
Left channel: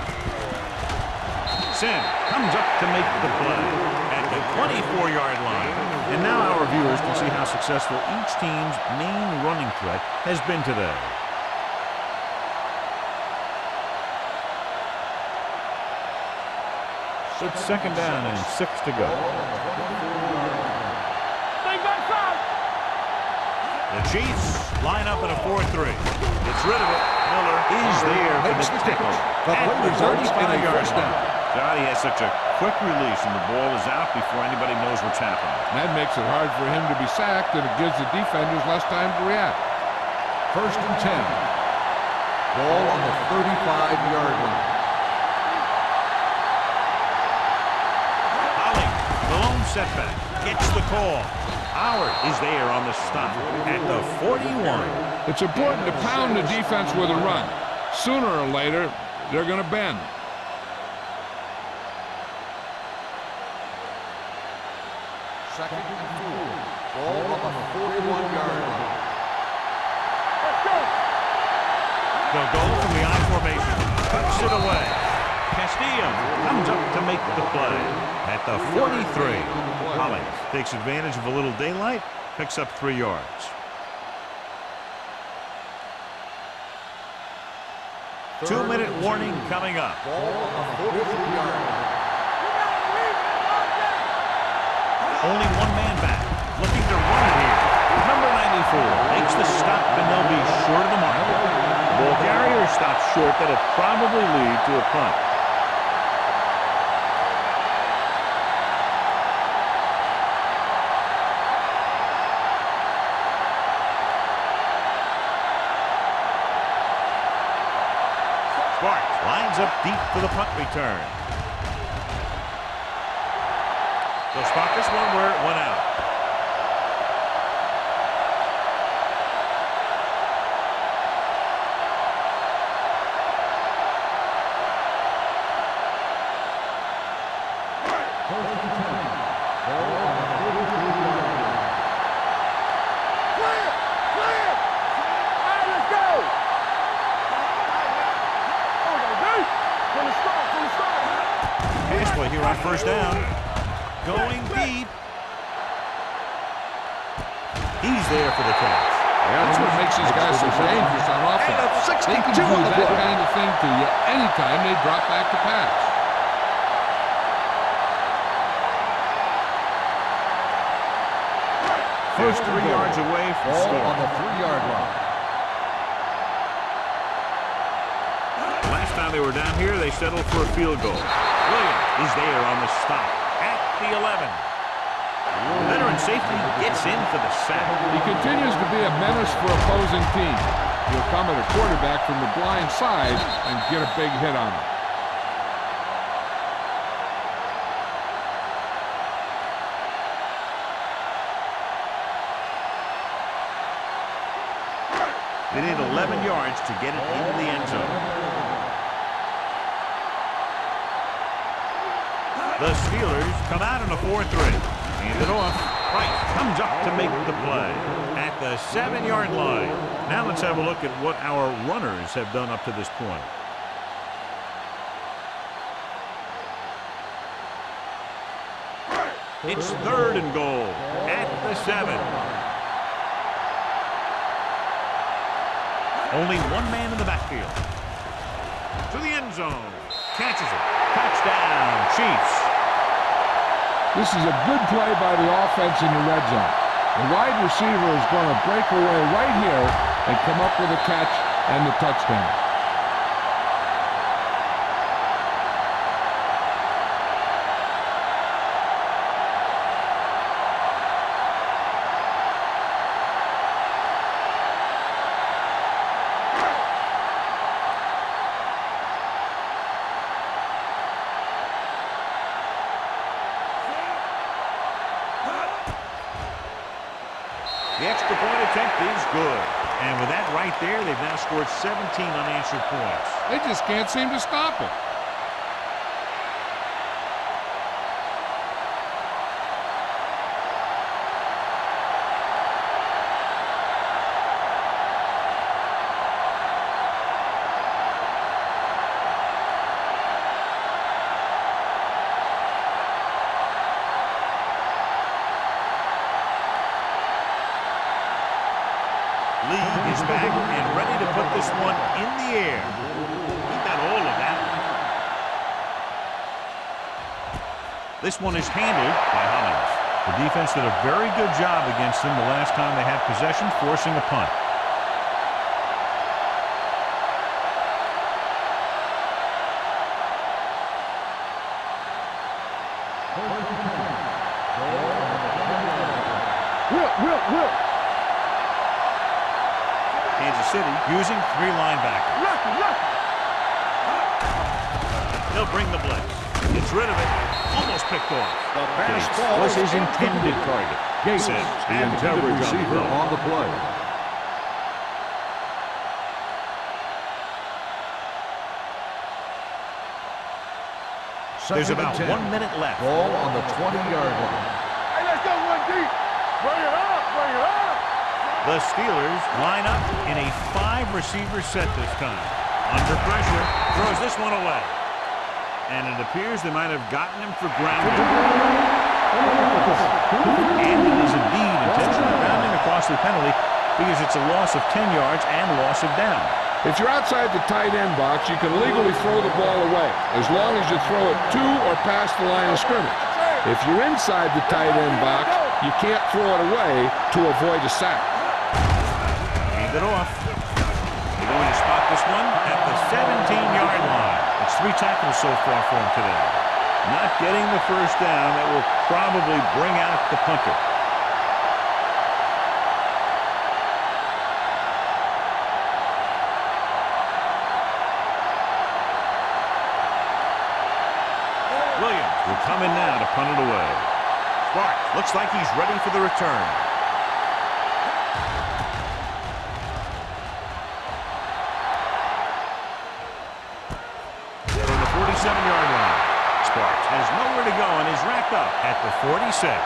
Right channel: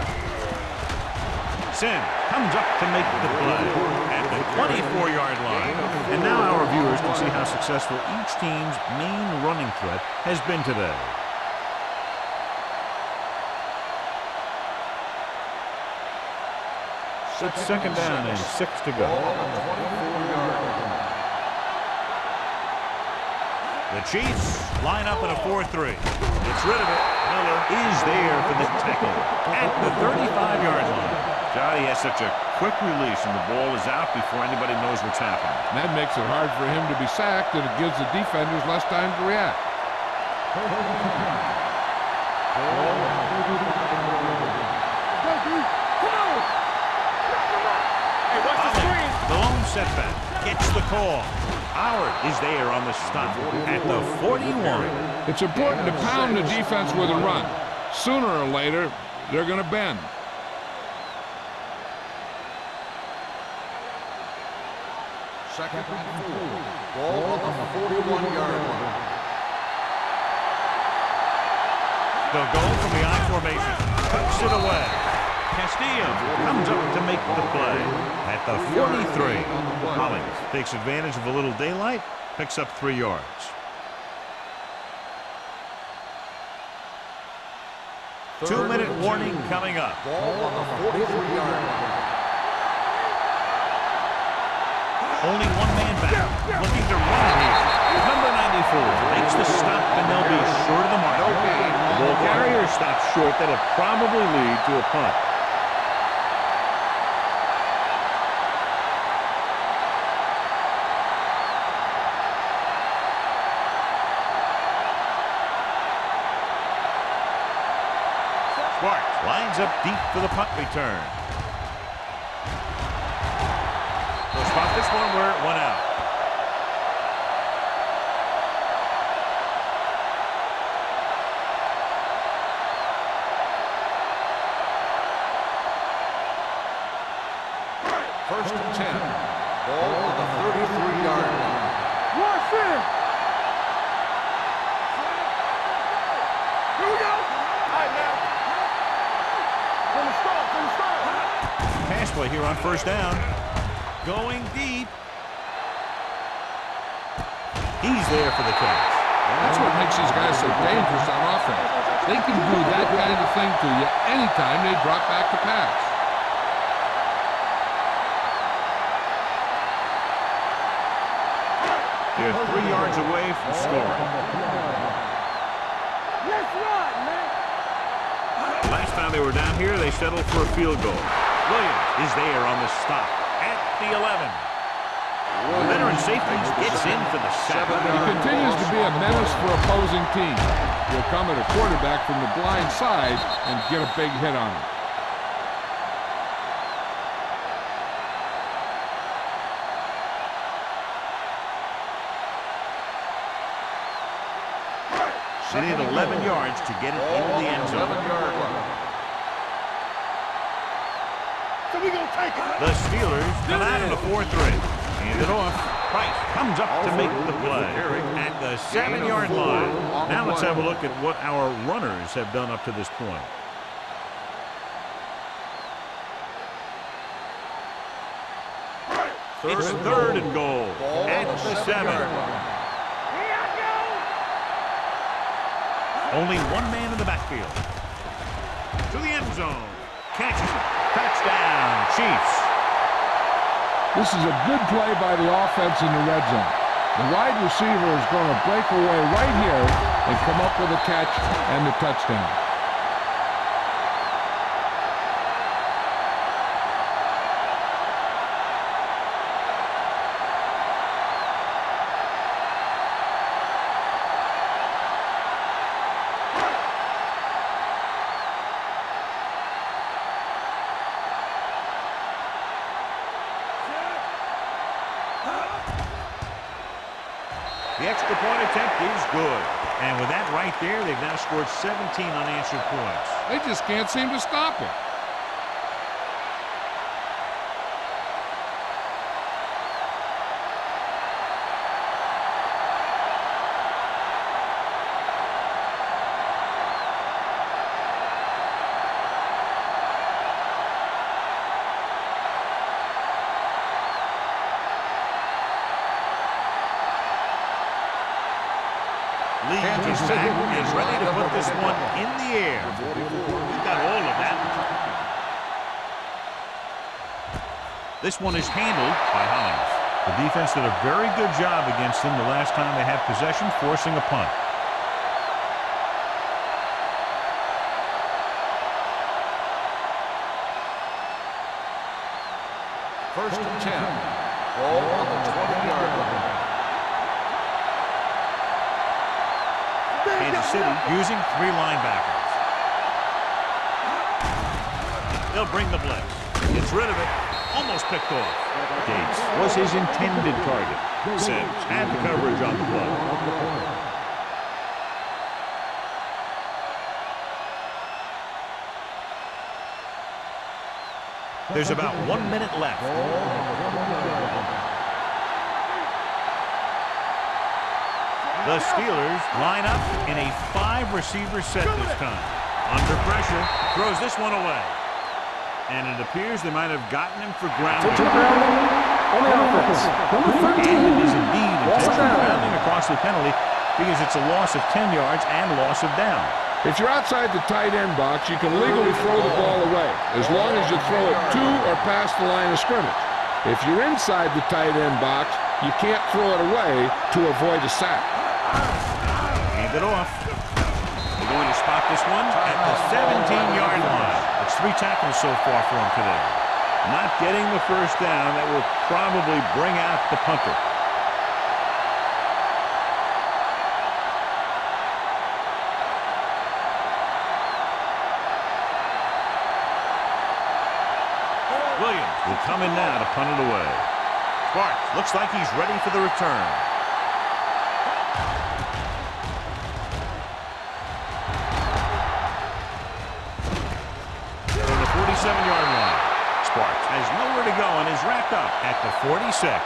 Sims comes up to make the play at the 24-yard line. And now our viewers can see how successful each team's main running threat has been today. It's second down and 6 to go. The Chiefs line up in a 4-3. It's rid of it. Miller is there for the tackle at the 35-yard line. Johnny has such a quick release, and the ball is out before anybody knows what's happening. That makes it hard for him to be sacked, and it gives the defenders less time to react. First and 10. Ball on the 35-yard line. Holly, the lone setback, gets the call. Howard is there on the stop at the 41. It's important to pound the defense with a run. Sooner or later, they're going to bend. Second and 4. Ball on the 41-yard line. They'll go from the I formation. Cuts it away. Castillo comes up to make the play at the 43. Hollings takes advantage of a little daylight, picks up 3 yards. 2-minute warning coming up. Ball on the 43-yard line. Only one man back, looking to run it here. Number 94 makes the stop, and they'll be short of the mark. The ball carrier stops short. That'll probably lead to a punt. Sparks lines up deep for the punt return. They'll spot this one where it went out. First and 10. Ball on the 33-yard line. Pass play here on first down. Going deep. He's there for the catch. That's what makes these guys so dangerous on offense. They can do that kind of thing to you anytime they drop back to pass. Just 3 yards away from scoring. Last time they were down here, they settled for a field goal. Williams is there on the stop at the 11. The veteran safety gets in for the sack. He continues to be a menace for opposing teams. He'll come at a quarterback from the blind side and get a big hit on him. They need 11 yards to get it into the end zone. The Steelers come out in a 4-3. Hand it off. Price comes up to make the play at the 7-yard line. Now let's have a look at what our runners have done up to this point. It's 3rd and goal at the 7. Only one man in the backfield. To the end zone. Catches it. Touchdown, Chiefs. This is a good play by the offense in the red zone. The wide receiver is going to break away right here and come up with a catch and the touchdown. The extra point attempt is good. And with that right there, they've now scored 17 unanswered points. They just can't seem to stop him. Lee is back and ready to put this one in the air. He got all of that one. This one is handled by Hollings. The defense did a very good job against them the last time they had possession, forcing a punt. First and 10. Ball on the 20-yard line. Kansas City using 3 linebackers. They'll bring the blitz. Gets rid of it. Almost picked off. Gates was his intended target. Sims had the coverage on the play. There's about 1 minute left. Ball on the 20-yard line. Hey, let's go one deep. Bring it up, bring it up. The Steelers line up in a 5-receiver set this time. Under pressure, throws this one away. And it appears they might have gotten him for grounding. On the offense, number 13. And it is indeed intentional grounding, a costly penalty because it's a loss of 10 yards and loss of down. If you're outside the tight end box, you can legally throw the ball away, as long as you throw it to or past the line of scrimmage. If you're inside the tight end box, you can't throw it away to avoid a sack. Hand it off. They're going to spot this one at the 17-yard line. That's 3 tackles so far for him today. Not getting the first down. That will probably bring out the punter. Williams will come in now to punt it away. Sparks looks like he's ready for the return. From the 47-yard line, Sparks has nowhere to go and is wrapped up at the 46.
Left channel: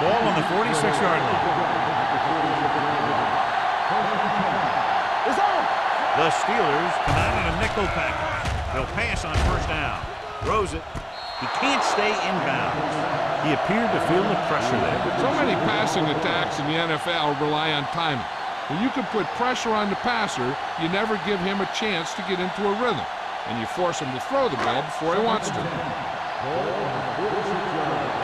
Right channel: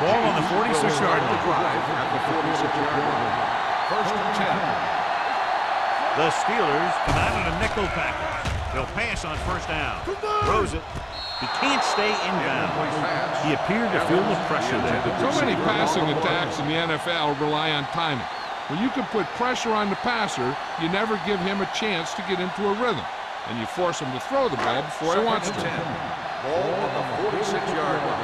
Ball on the 46-yard line. First and 10. The Steelers come out in a nickel package. They'll pass on first down. Throws it. He can't stay inbounds. He appeared to feel the pressure there. So many passing attacks in the NFL rely on timing. When you can put pressure on the passer, you never give him a chance to get into a rhythm, and you force him to throw the ball before he wants to. Ball on the 46-yard line.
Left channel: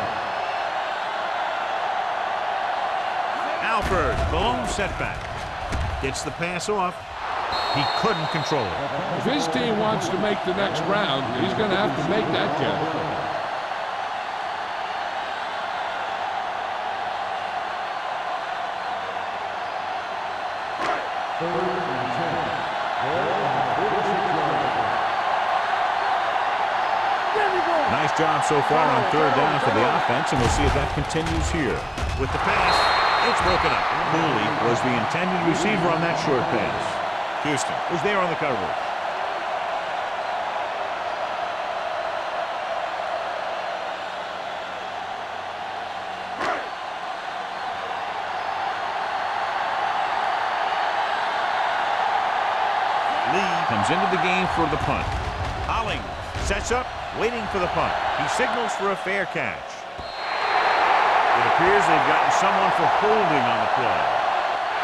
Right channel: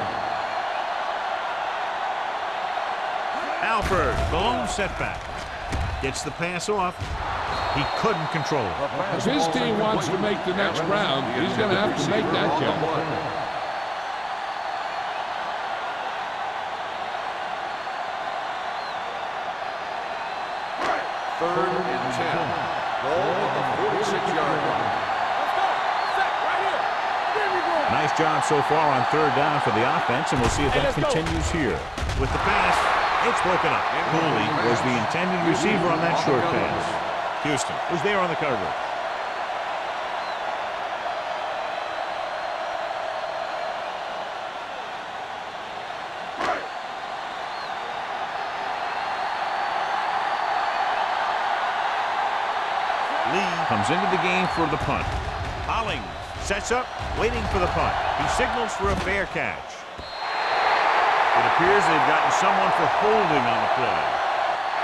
Alford, the lone setback. Gets the pass off. He couldn't control it. If his team wants to make the next round, he's going to have to make that catch. Third and 10. Ball on the 46-yard line. Nice job so far on third down for the offense, and we'll see if that continues here. With the pass, it's broken up. Cooley was the intended receiver on that short pass. Houston was there on the coverage. Lee comes into the game for the punt. Hollings sets up, waiting for the punt. He signals for a fair catch. It appears they've gotten someone for holding on the play.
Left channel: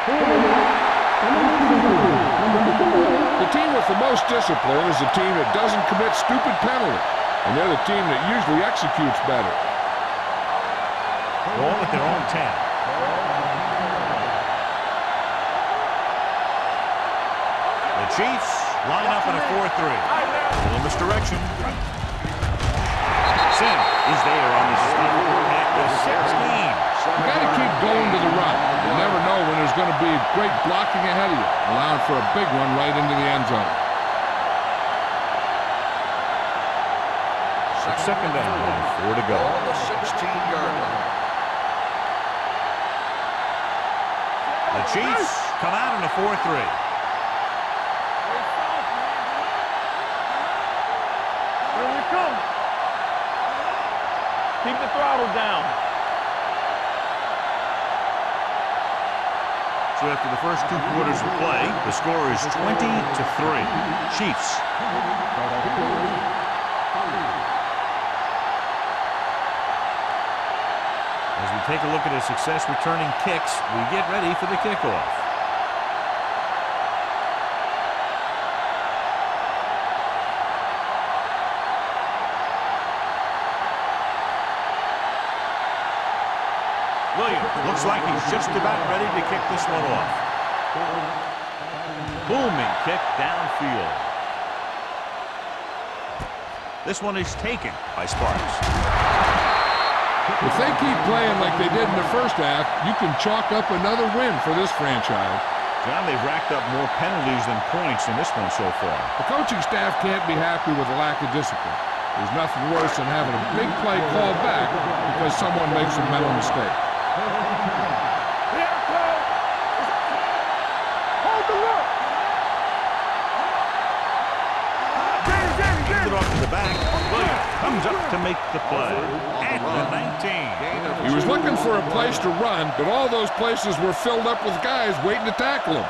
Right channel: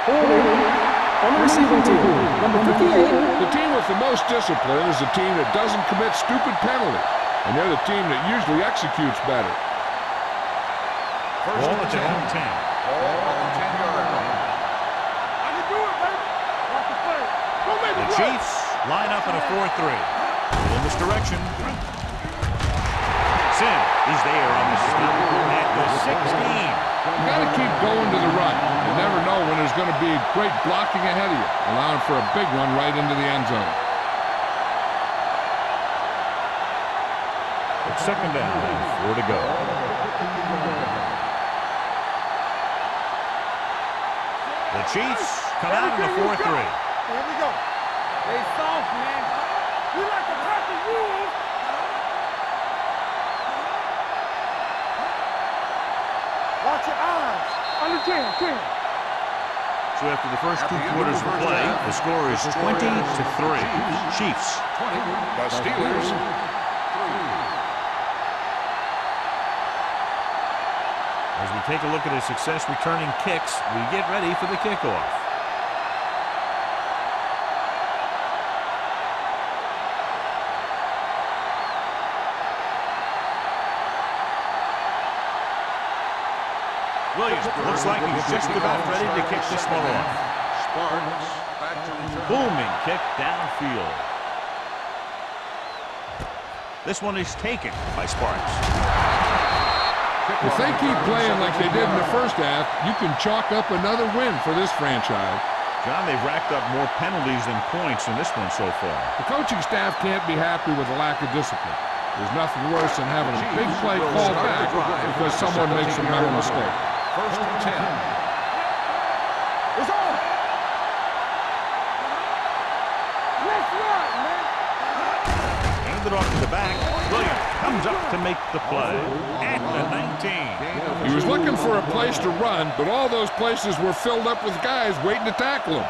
Holding on the receiving team. Number 58. The team with the most discipline is the team that doesn't commit stupid penalties, and they're the team that usually executes better. Ball at their own 10. Ball on the 10-yard line. The Chiefs line up in a 4-3. A little misdirection. Sim is there on the stop at the 16. You got to keep going to the run. You never know when there's going to be great blocking ahead of you, allowing for a big one right into the end zone. So second down and 4 to go. Ball on the 16-yard line. The Chiefs come out in a 4-3. Stay soft, man. Here we come. Keep the throttle down. Watch your eyes. Under 10, quick. So after the first 2 quarters of play, the score is 20-3. Chiefs. 20. The Steelers 3. As we take a look at his success returning kicks, we get ready for the kickoff. Williams looks like he's just about ready to kick this one off. Sparks back to Booming kick downfield. This one is taken by Sparks. If they keep playing like they did in the first half, you can chalk up another win for this franchise. John, they've racked up more penalties than points in this one so far. The coaching staff can't be happy with the lack of discipline. There's nothing worse than having a big play called back because someone makes a mental mistake. First and 10. Here it comes. It's on. Hold the look. Let's run, man. Handed off to the back. Williams comes up to make the play at the 19. He was looking for a place to run, but all those places were filled up with guys waiting to tackle him.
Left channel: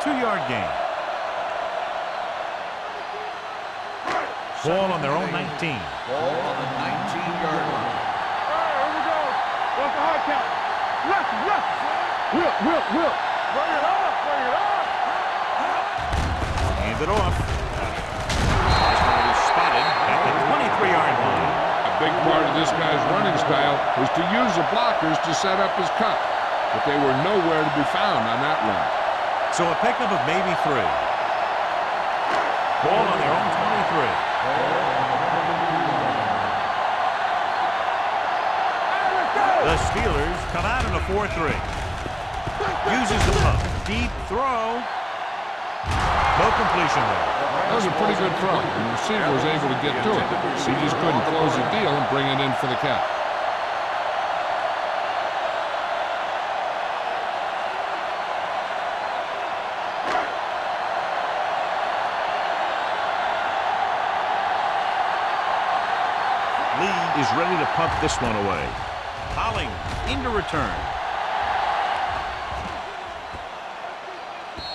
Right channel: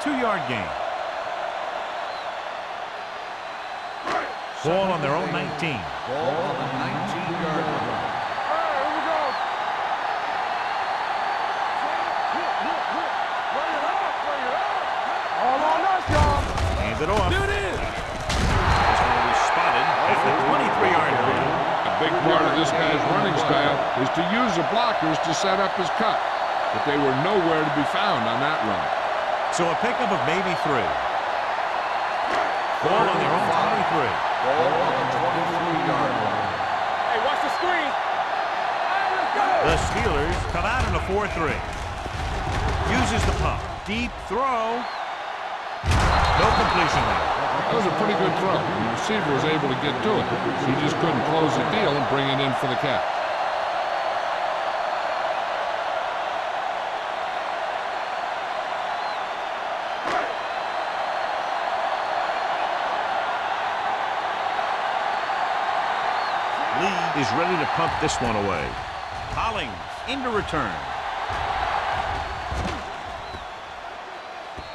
2-yard gain. Ball on their own 19. Ball on the 19-yard line. Here we go. What's the hard count? Whip. Bring it up. All line up, y'all. Handed off. This one will be spotted at the 23-yard line. A big part of this guy's running style is to use the blockers to set up his cut, but they were nowhere to be found on that run. So a pickup of maybe 3. Ball on their own 23. Ball on the 23-yard line. Hey, watch the screen. Hey, let's go. The Steelers come out in a 4-3. Uses the pump. Deep throw. No completion there. That was a pretty good throw, and the receiver was able to get to it. He just couldn't close the deal and bring it in for the catch. Lee is ready to pump this one away. Hollings into return.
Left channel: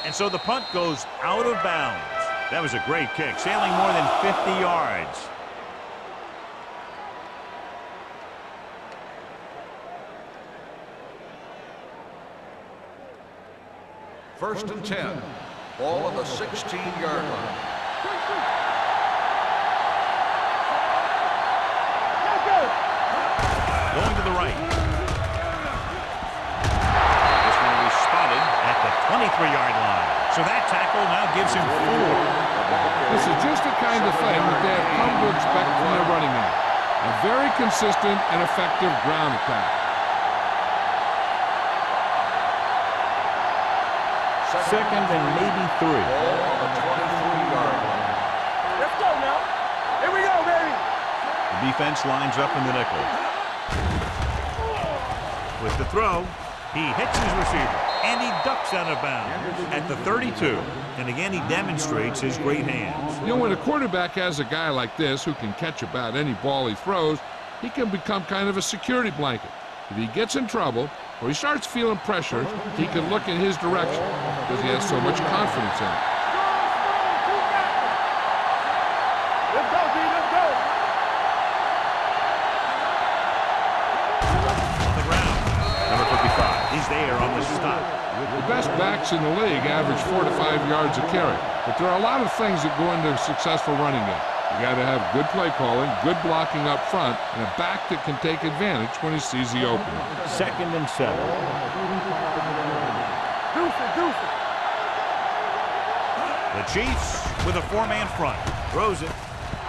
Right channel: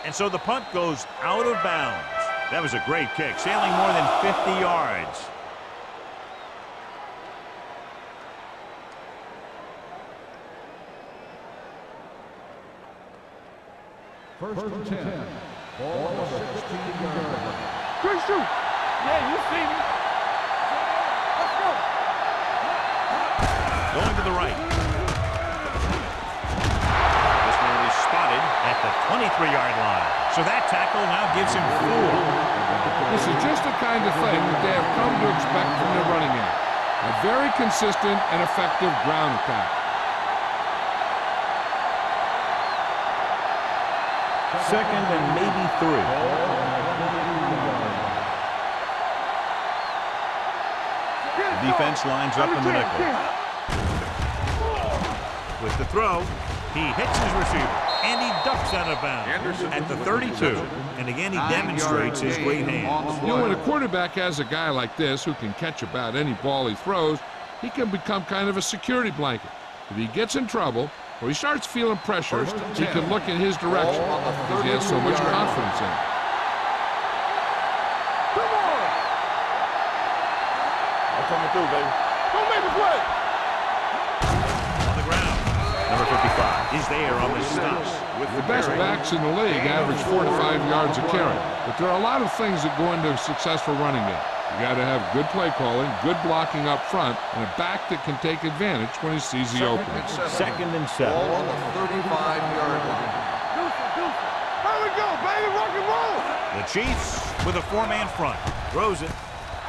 And so the punt goes out of bounds. That was a great kick, sailing more than 50 yards. First and 10. Ball on the 16-yard line. Quick shoot. Yeah, you see me. Going to the right. This one will be spotted at the 23-yard line. So that tackle now gives him 4. This is just the kind of thing that they have come to expect from their running game. A very consistent and effective ground attack. Second and maybe 3. Ball on the 23-yard line. Let's go now. Here we go, baby. The defense lines up in the nickel. With the throw, he hits his receiver, and he ducks out of bounds at the 32. And again, he demonstrates his great hands. You know, when a quarterback has a guy like this who can catch about any ball he throws, he can become kind of a security blanket. If he gets in trouble or he starts feeling pressure, he can look in his direction because he has so much confidence in it. Let's go, D. Let's go. I'm coming through, baby. Don't make us wait. On the ground, number 55 is there on the stop. The best backs in the league average 4 to 5 yards a carry, but there are a lot of things that go into a successful running game. You got to have good play calling, good blocking up front, and a back that can take advantage when he sees the openings. Second and 7. Ball on the 35-yard line. Deuce it, deuce it. There we go, baby. Rock and roll. The Chiefs with a 4-man front. Throws it.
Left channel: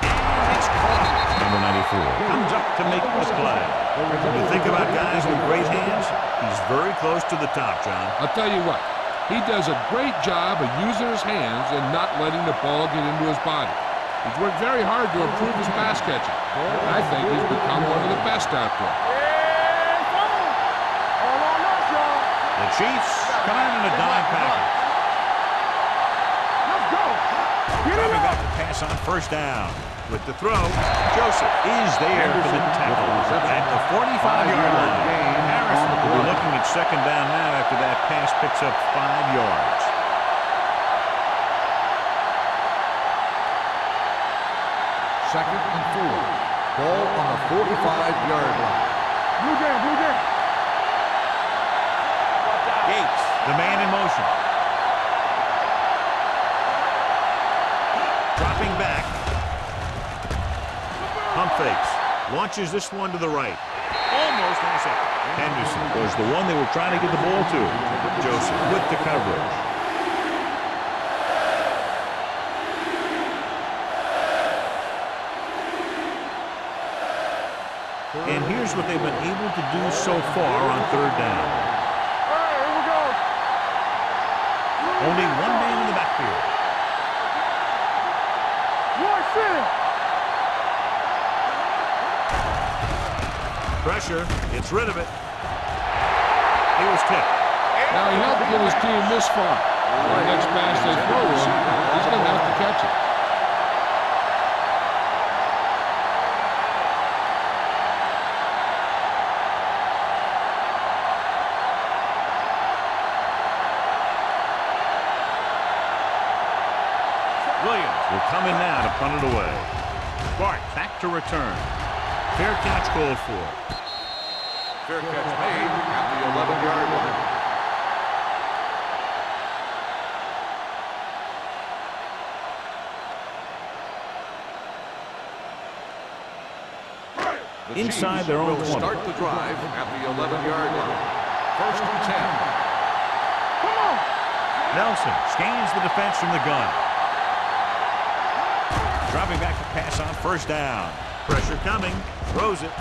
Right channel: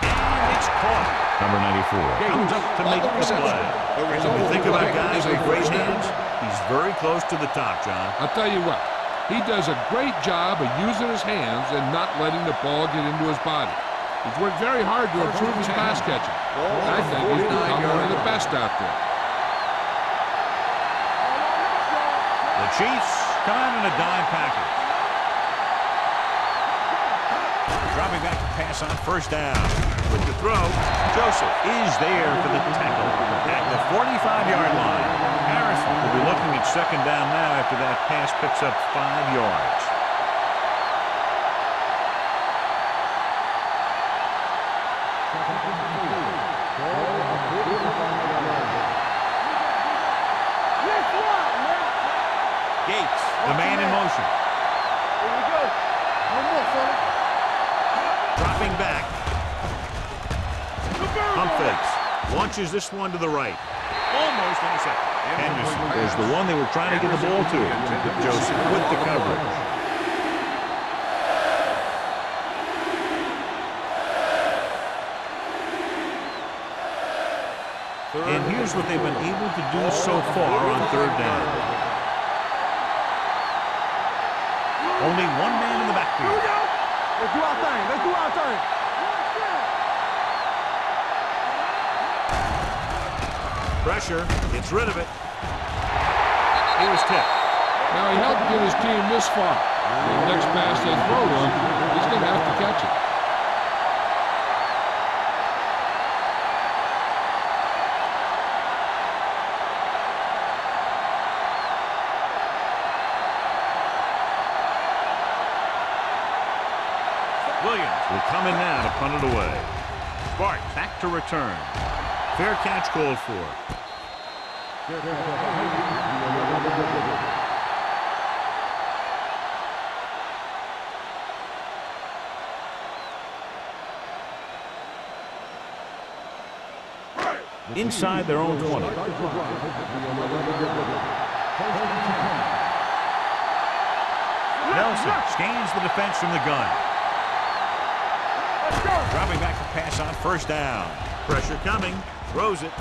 And it's caught. Number 94 comes up to make the play. When you think about guys with great hands, he's very close to the top, John. I'll tell you what, he does a great job of using his hands and not letting the ball get into his body. He's worked very hard to improve his pass catching. I think he's become one of the best out there. All on us, y'all. The Chiefs come out in a dime package. Let's go. Dropping back to pass on first down. With the throw, Joseph is there for the tackle at the 45-yard line. Harrison will be looking at second down now after that pass picks up 5 yards. Second and 4. Ball on the 45-yard line. Blue jam, blue jam. Let's run. Gates, the man in motion. Dropping back. Pump fakes. Launches this one to the right. Almost intercepted. Henderson was the one they were trying to get the ball to. Joseph with the coverage. And here's what they've been able to do so far on third down. Hey, here we go. Only one man in the backfield. Let's do our thing. Let's do our thing. One shit. Pressure, gets rid of it. He was tipped. Now he helped get his team this far. The next pass they throw to him, he's going to have to catch it. Williams will come in now to punt it away. Bart back to return. Fair catch called for. Fair catch made at the 11-yard line. Inside their own 20. Start the drive at the 11-yard line. First and 10. Nelson scans the defense from the gun. Dropping back to pass on first down. Pressure coming. Throws it.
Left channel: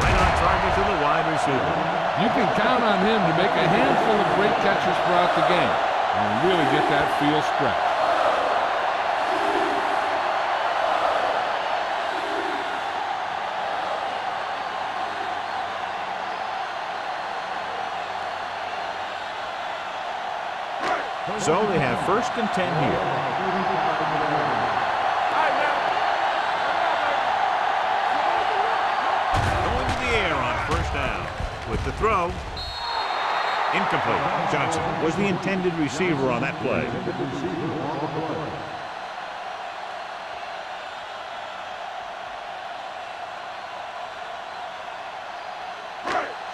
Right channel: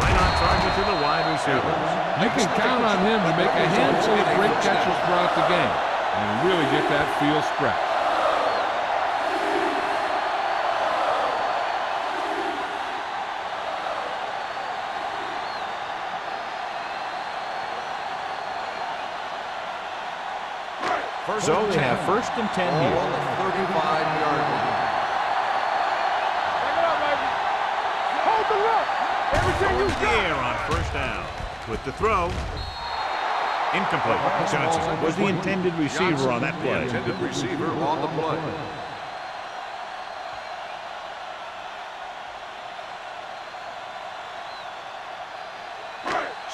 Right on target to the wide receiver. You can count on him to make a handful of great catches throughout the game and really get that field stretched. So they have first and 10 here. 35-yard line. Back it up, baby. Hold the look. Going to the air on first down. With the throw. Incomplete. Johnson was the intended receiver on that play. Intended receiver on the play.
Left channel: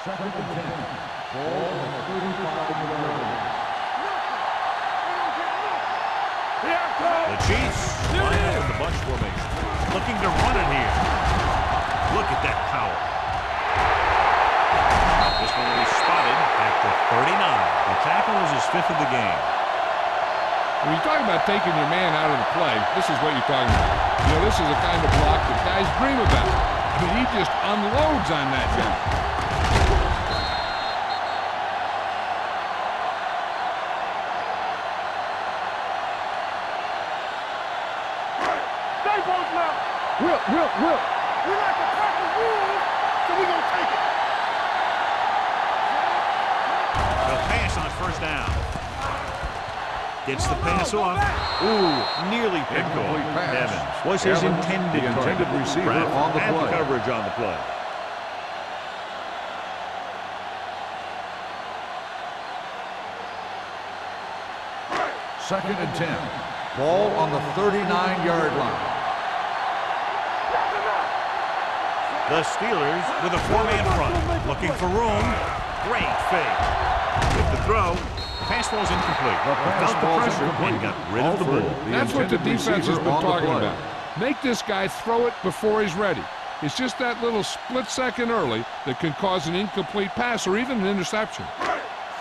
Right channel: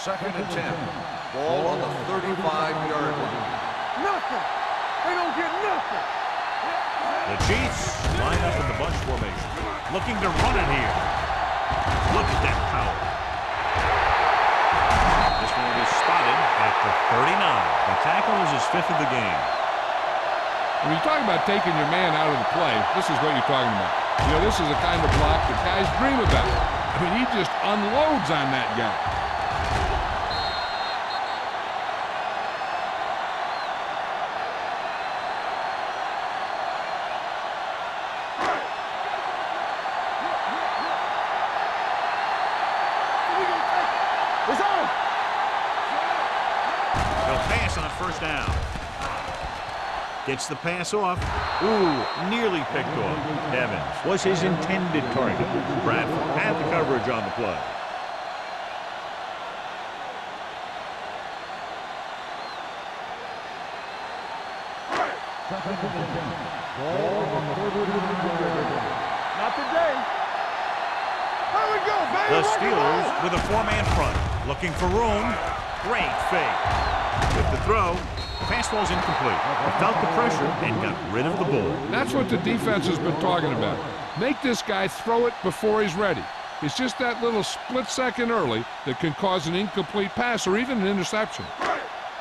Second and 10. Ball on the 35-yard line. Nothing. They don't get nothing. The Chiefs line up in the bunch formation. Looking to run it here. Look at that power. The This one will be spotted at the 39. The tackle is his 5th of the game. When you talk about taking your man out of the play, this is what you're talking about. You know, this is the kind of block that guys dream about. I mean, he just unloads on that guy. Will. We like to practice rules, so we gonna take it. It's on. They'll pass on first down. Gets the pass off. Ooh, nearly picked off. Evans was his intended target. Bradford had the coverage on the play. Second and 10. Ball on the 39-yard line. The Steelers with a 4-man front. Looking for room. Great fake. With the throw, the pass ball's incomplete. He felt the pressure and got rid of the ball. That's what the defense has been talking about. Make this guy throw it before he's ready. It's just that little split second early that can cause an incomplete pass or even an interception.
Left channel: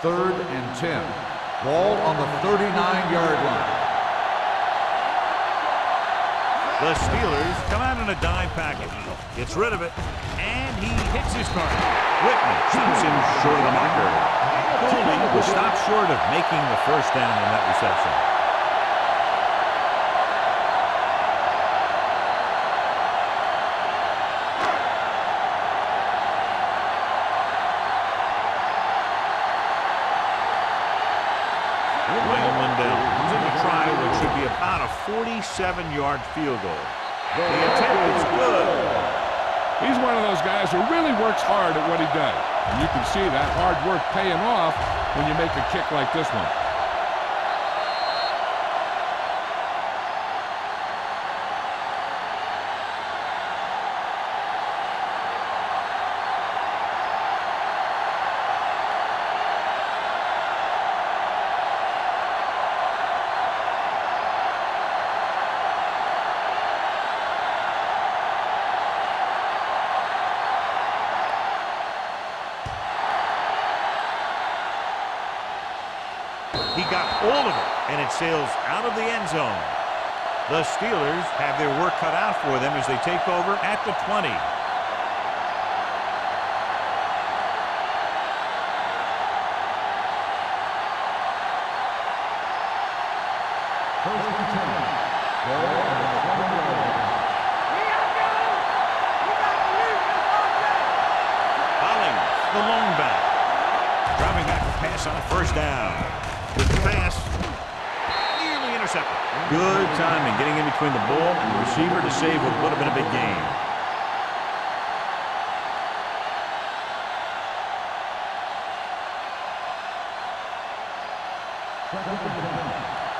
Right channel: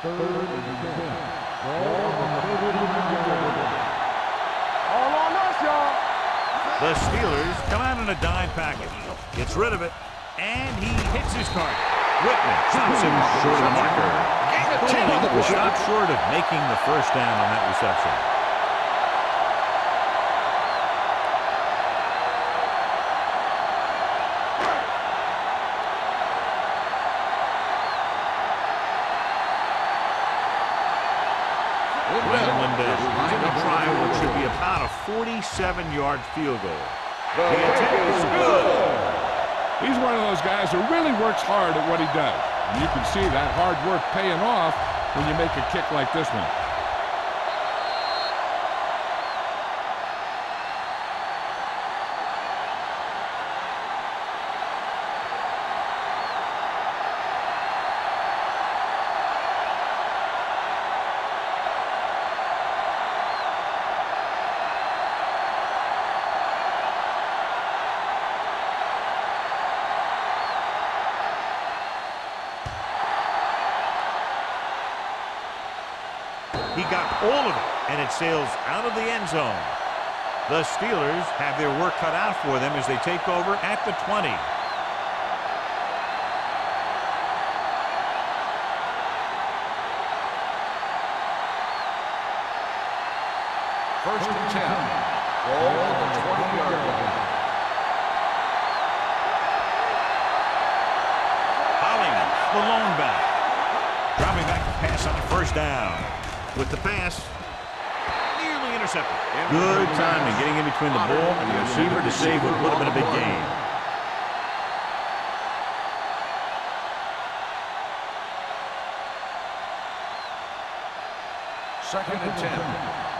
Third and 10. Ball on the 39-yard line. The Steelers come out in a dime package. Gets rid of it, and he hits his target. Whitman stops him short of the marker. Cooley was stopped short of making the first down on that reception. Ryan Lindell comes in to try what should be about a 47-yard field goal. The attempt is good. He's one of those guys who really works hard at what he does. And you can see that hard work paying off when you make a kick like this one. He got all of it, and it sails out of the end zone. The Steelers have their work cut out for them as they take over at the 20. First and 10. Ball on the 20-yard line. Hollings, the lone back. Dropping back to pass on first down. With the pass, nearly intercepted. Good timing getting in between the ball and the receiver to save what would have been a big gain. Second and 10.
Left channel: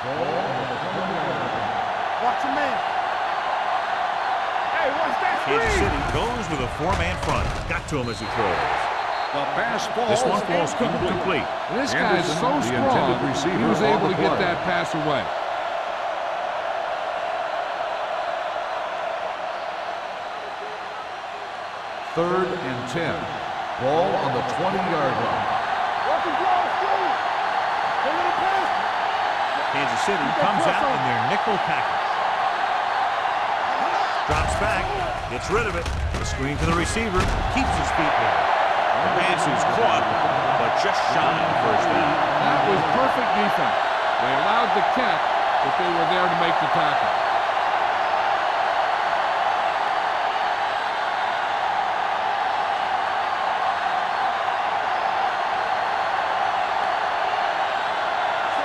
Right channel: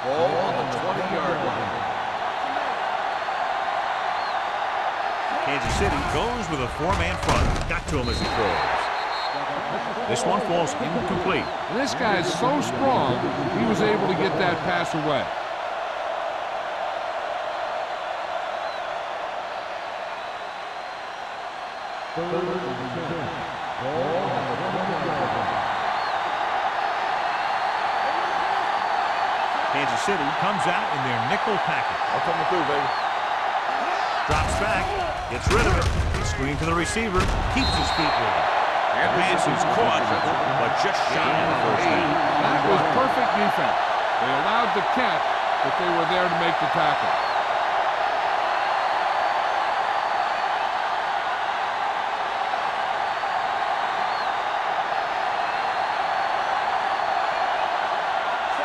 Ball on the 20-yard line. Watch your man. Kansas City goes with a 4-man front. Got to him as he throws. This one falls incomplete. And this guy is so strong, he was able to get that pass away. Third and 10. Ball on the 20-yard line. Kansas City comes out in their nickel package. Drops back, gets rid of it. The screen to the receiver, keeps his feet moving. The pass is caught, but just shy of the first down. That was perfect defense. They allowed the catch, but they were there to make the tackle.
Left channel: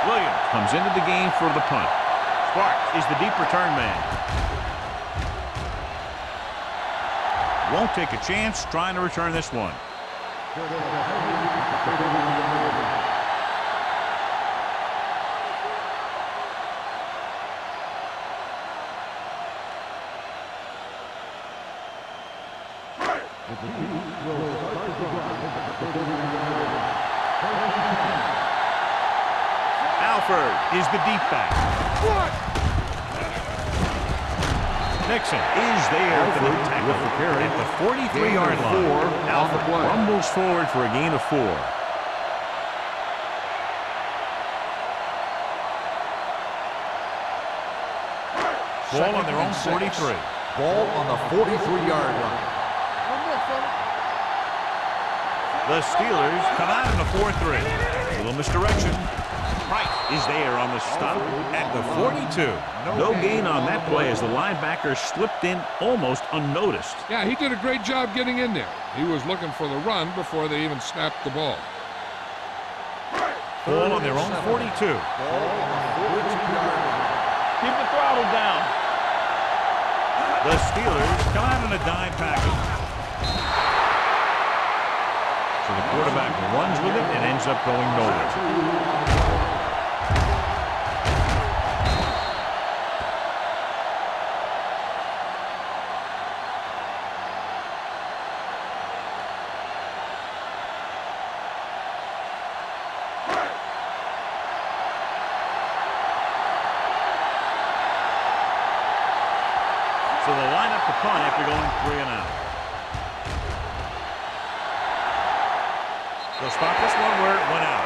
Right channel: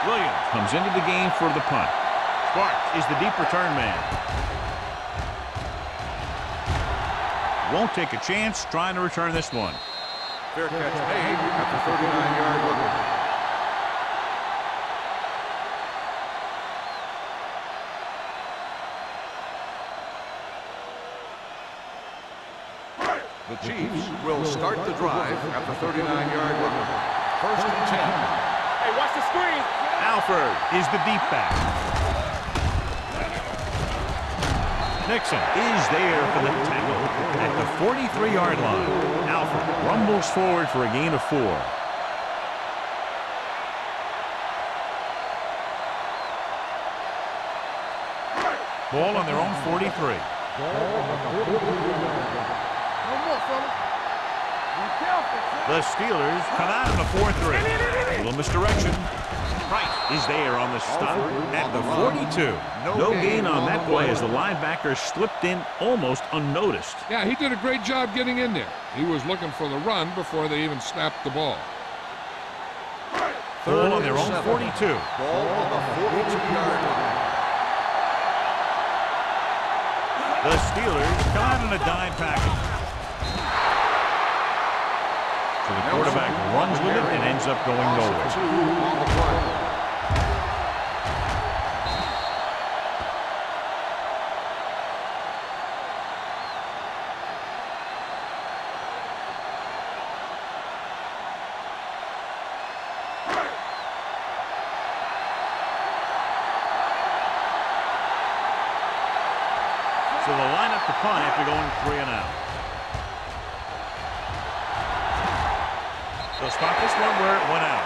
Williams comes into the game for the punt. Sparks is the deep return man. Won't take a chance trying to return this one. Fair catch made at the 39-yard line. The Chiefs will start the drive at the 39-yard line. First and 10. Hey, watch the screen. Alford is the deep back. Nixon is there for the tackle at the 43-yard line. Alford rumbles forward for a gain of 4. Ball on their own 43. Ball on the 43-yard line. No more, fellas. The Steelers come out in a 4-3. A little misdirection. Price is there on the stop at the 42. No gain on that play as the linebacker slipped in almost unnoticed. Yeah, he did a great job getting in there. He was looking for the run before they even snapped the ball. Ball on their own 42. Ball on the 42-yard line. Keep the throttle down. The Steelers come out in a dime package. So the quarterback runs with it and ends up going nowhere. 2 on the play. So they'll line up the punt after going 3 and out. They'll spot this one where it went out.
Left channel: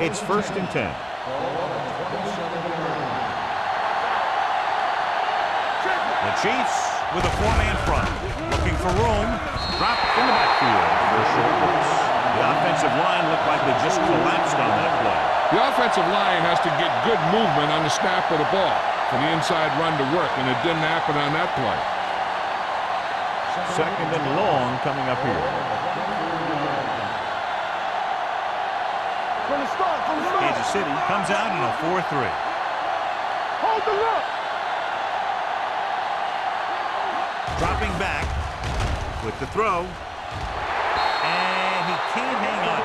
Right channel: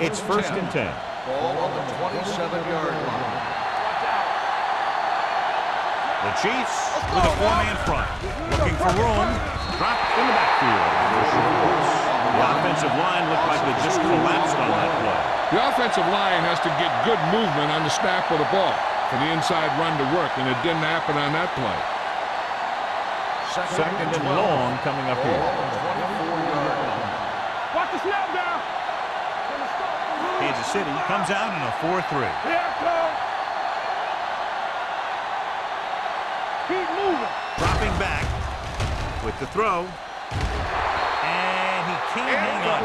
It's first and 10. Ball on the 27-yard line. Watch out. The Chiefs with a 4-man front. Looking for room. Drop in the backfield for a short loss. The offensive line looked like they just collapsed on that play. The offensive line has to get good movement on the snap of the ball for the inside run to work, and it didn't happen on that play. Second and long coming up here. Watch the snap down. From the start, from the Kansas City comes out in a 4-3. Here it comes. Hold the look. Keep moving. Dropping back with the throw. And he can't hang on.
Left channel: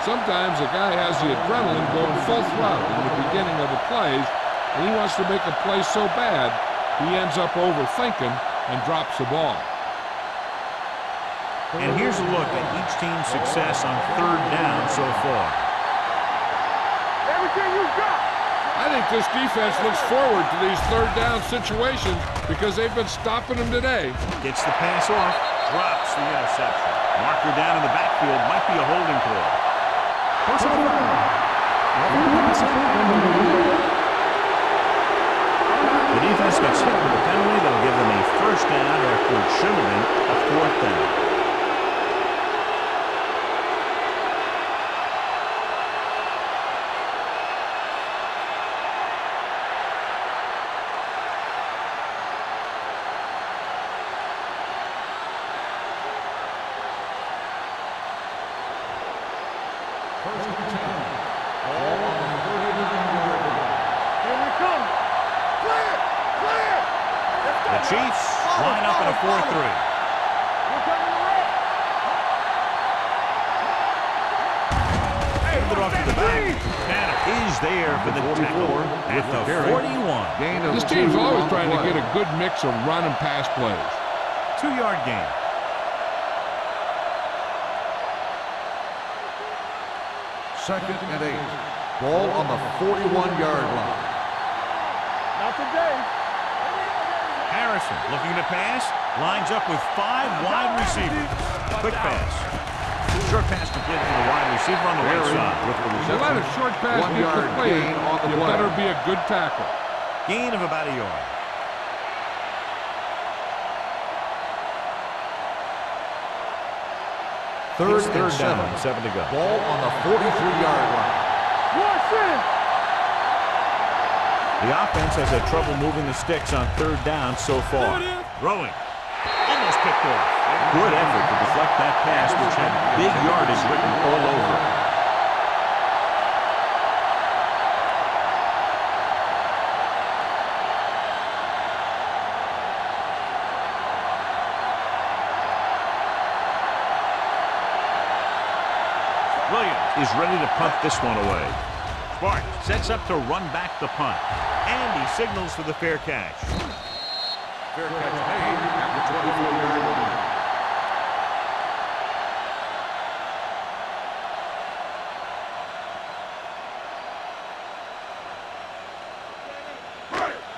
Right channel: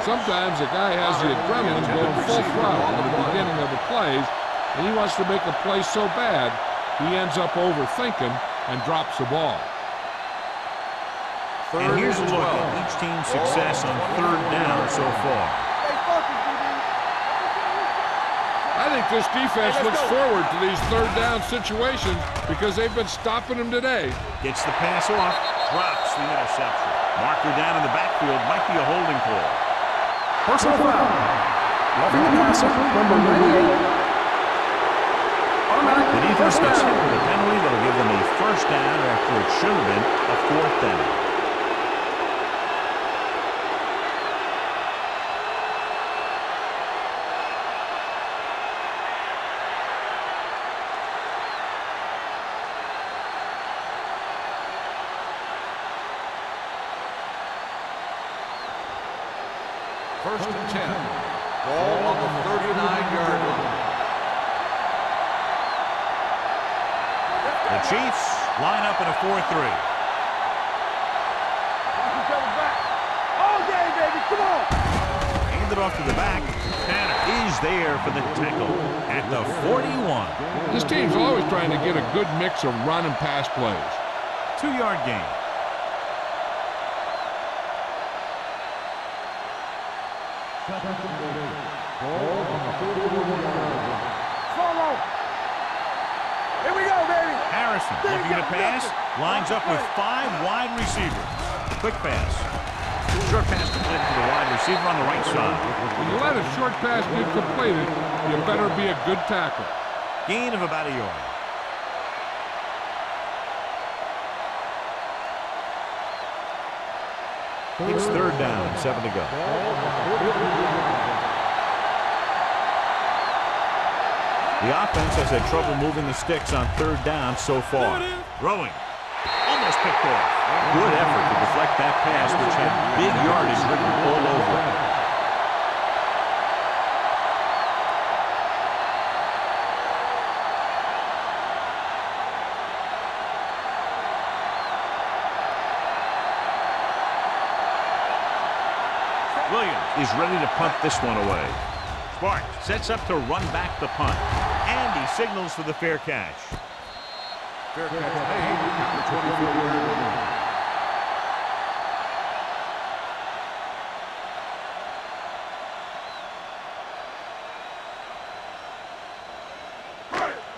Sometimes a guy has the adrenaline going full throttle in the beginning of the plays, and he wants to make a play so bad, he ends up overthinking and drops the ball. And here's a look at each team's success on 3rd down so far. I think this defense looks forward to these 3rd down situations because they've been stopping them today. Gets the pass off, drops the interception. Marker down in the backfield, might be a holding call. Personal foul. Roughing the passer, number 98. The defense gets hit with a penalty that'll give them a 1st down after it should have been a 4th down. First and 10. Ball on the 39-yard line. The Chiefs line up in a 4-3. Hand it off to the back. Tanner is there for the tackle at the 41. This team's always trying to get a good mix of run and pass plays. 2-yard gain. Second and 8. Ball on the 41-yard line. Harrison looking to pass. Lines up with 5 wide receivers. Quick pass. Short pass completed to the wide receiver on the right side. When you let a short pass be completed, you better be a good tackle. Gain of about a yard. It's 3rd down and 7 to go. Ball on the 43-yard line. The offense has had trouble moving the sticks on 3rd down so far. Throwing. Almost picked off. Good effort to deflect that pass, which had big yardage written all over it. Williams is ready to punt this one away. Sparks sets up to run back the punt. And he signals for the fair catch. Fair catch made at the 24-yard line.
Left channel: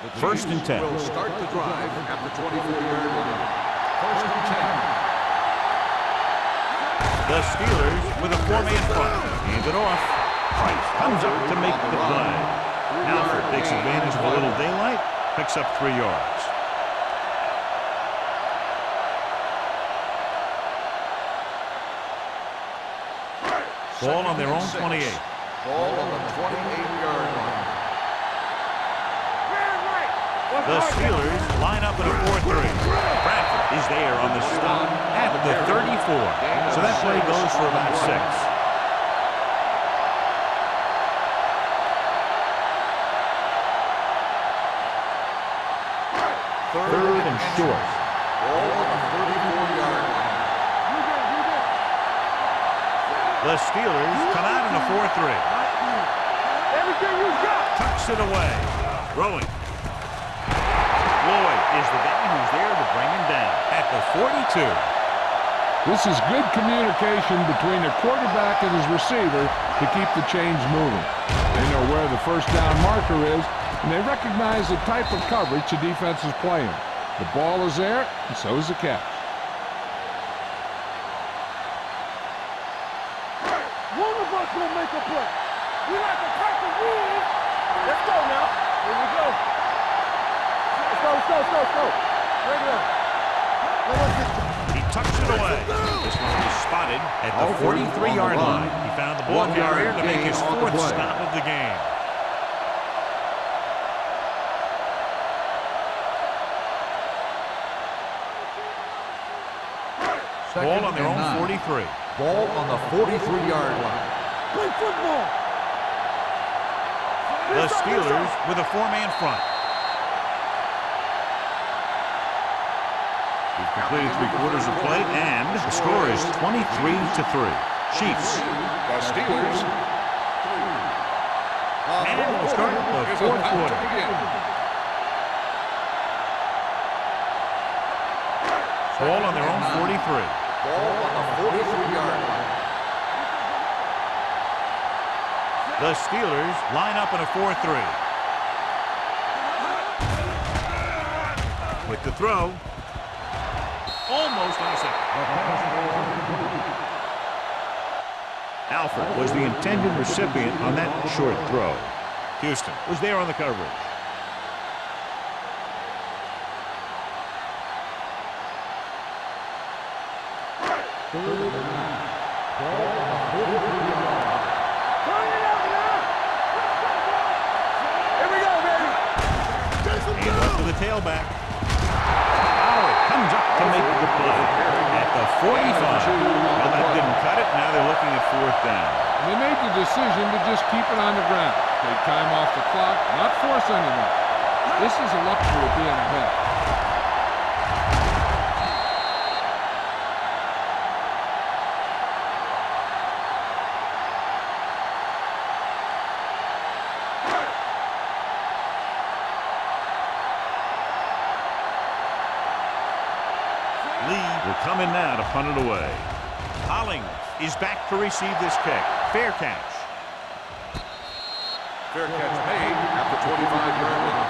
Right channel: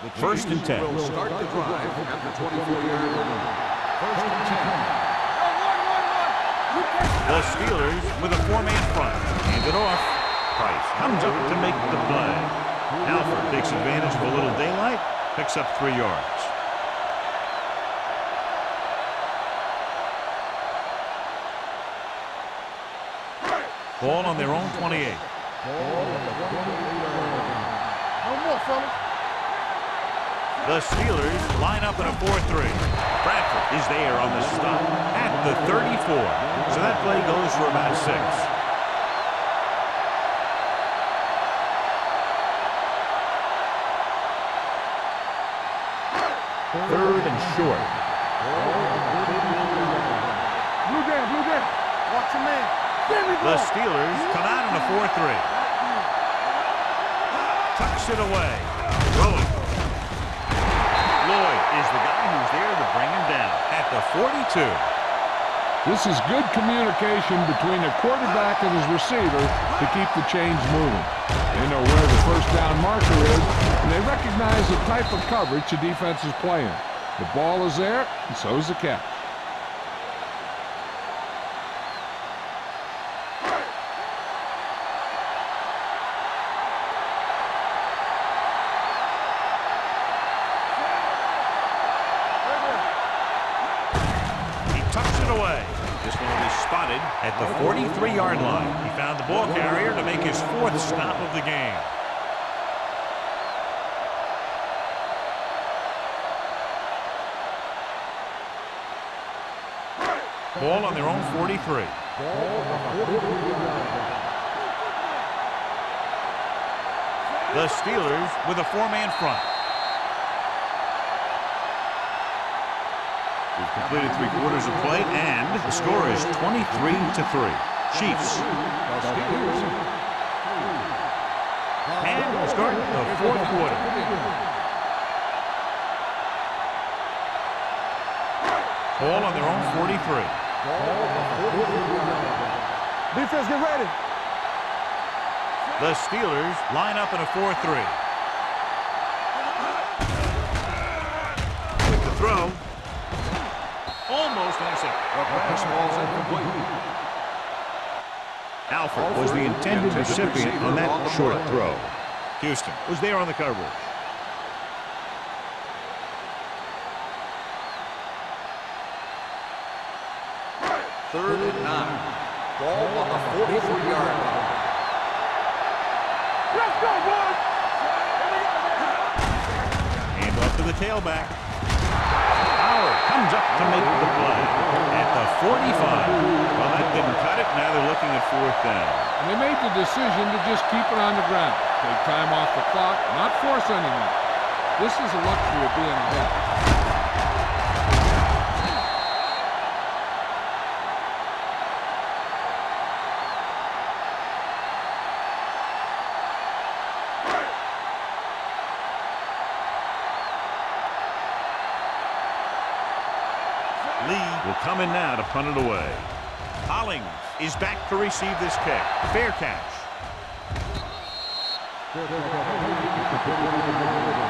The First and 10. will start the drive at the 24-yard line. First and 10. The Steelers with a 4-man front. Hand it off. Price comes up to make the play. Alford takes advantage of a little daylight. Picks up 3 yards. Ball on their own 28. Ball on the 28-yard line. The Steelers line up in a 4-3. Bradford is there on the stop at the 34. So that play goes for about 6. Third and short. Ball on the 34-yard line. Blue game. Watch your man. The Steelers come out in a 4-3. Everything you got. Tucks it away. Throwing. Lloyd is the guy who's there to bring him down at the 42. This is good communication between the quarterback and his receiver to keep the chains moving. They know where the first down marker is, and they recognize the type of coverage the defense is playing. The ball is there, and so is the catch. One of us will make a play. We like to crack the rules. Let's go now. Here we go. Let's go. Regular. He tucks it away. This one will be spotted at the 43-yard line. He found the ball carrier to make his 4th stop of the game. Ball on their own 43. Ball on the 43-yard line. The Steelers with a 4-man front. We've completed 3/4 of play, and the score is 23-3. Chiefs. The Steelers. And we'll start the 4th quarter. Ball on their own 43. Ball on the 43-yard line. Defense, get ready. The Steelers line up in a 4-3. With the throw. Almost intercepted. Alford was the intended recipient on that short throw. Houston was there on the coverage. Third and 9. Ball on the 43-yard line. Let's go, boys. Here we go, baby. And up to the tailback. Howard comes up to make the play at the 45. Well, that didn't cut it. Now they're looking at 4th down. And they made the decision to just keep it on the ground. Take time off the clock, not force anything. This is a luxury of being ahead. Lee will come in now to punt it away. Hollings is back to receive this kick. Fair catch. Fair catch made at the 25-yard line.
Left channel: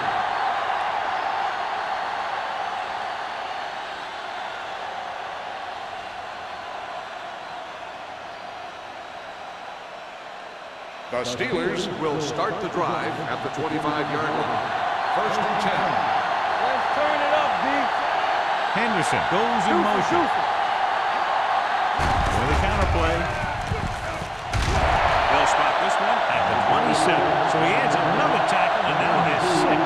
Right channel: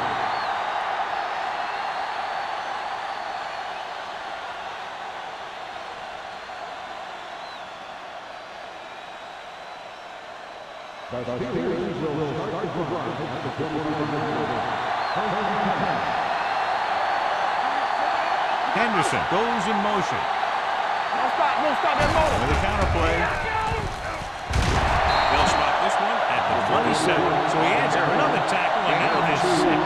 The Steelers will start the drive at the 25-yard line. First and 10. Henderson goes in motion. With a counter play. They'll spot this one at the 27. So he adds another tackle and now has 6.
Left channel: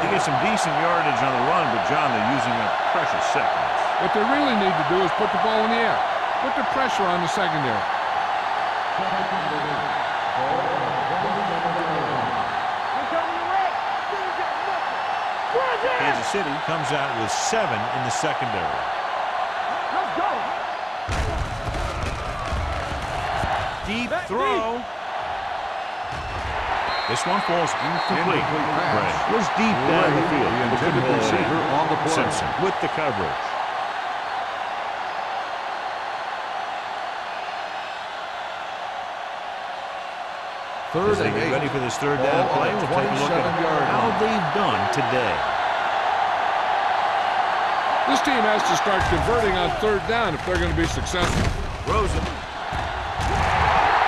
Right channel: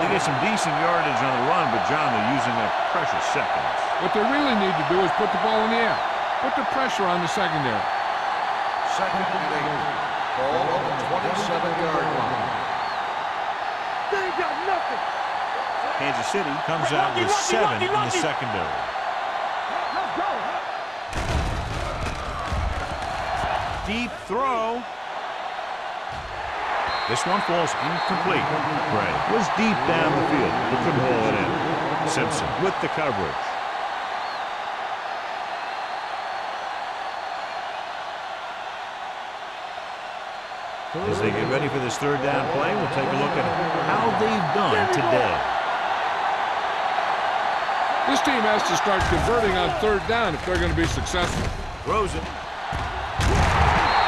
They get some decent yardage on the run, but John, they're using up precious seconds. What they really need to do is put the ball in the air. Put the pressure on the secondary. Second and 8. Ball on the 27-yard line. They ain't got nothing. Kansas City comes out with 7 in the secondary. Let's go. Deep throw. This one falls incomplete. Gray was deep down the field, but couldn't haul it in. Simpson with the coverage. As they get ready for this third down play, we'll take a look at how they've done today. This team has to start converting on third down if they're going to be successful. Throws it.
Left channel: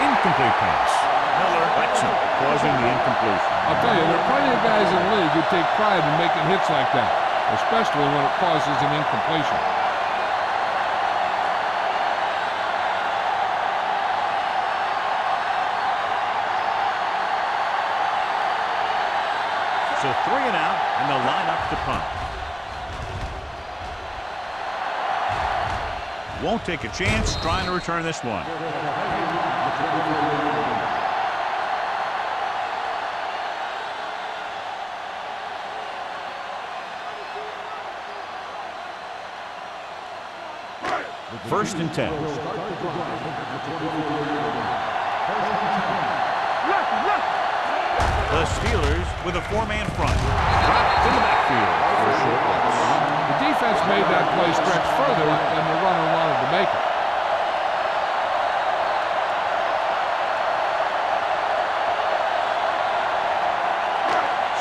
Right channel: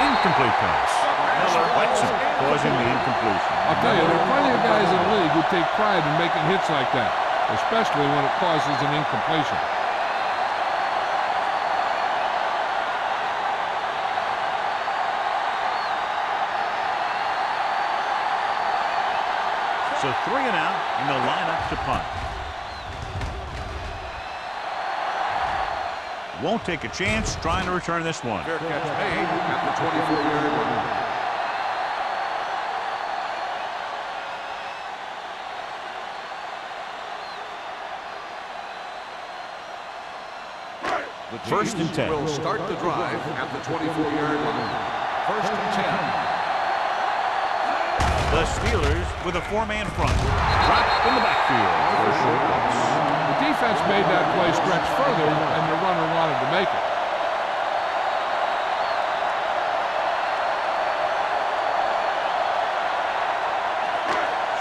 Incomplete pass. Miller whacks him, causing the incompletion. I'll tell you, there are plenty of guys in the league who take pride in making hits like that, especially when it causes an incompletion. So 3 and out, and they'll line up to punt. Won't take a chance trying to return this one. Fair catch made at the 24-yard line. First and 10. Will start the drive at the 24-yard line. First and 10. The Steelers with a 4-man front. Dropped in the backfield for a short loss. The defense made that play stretch further than the runner wanted to make it.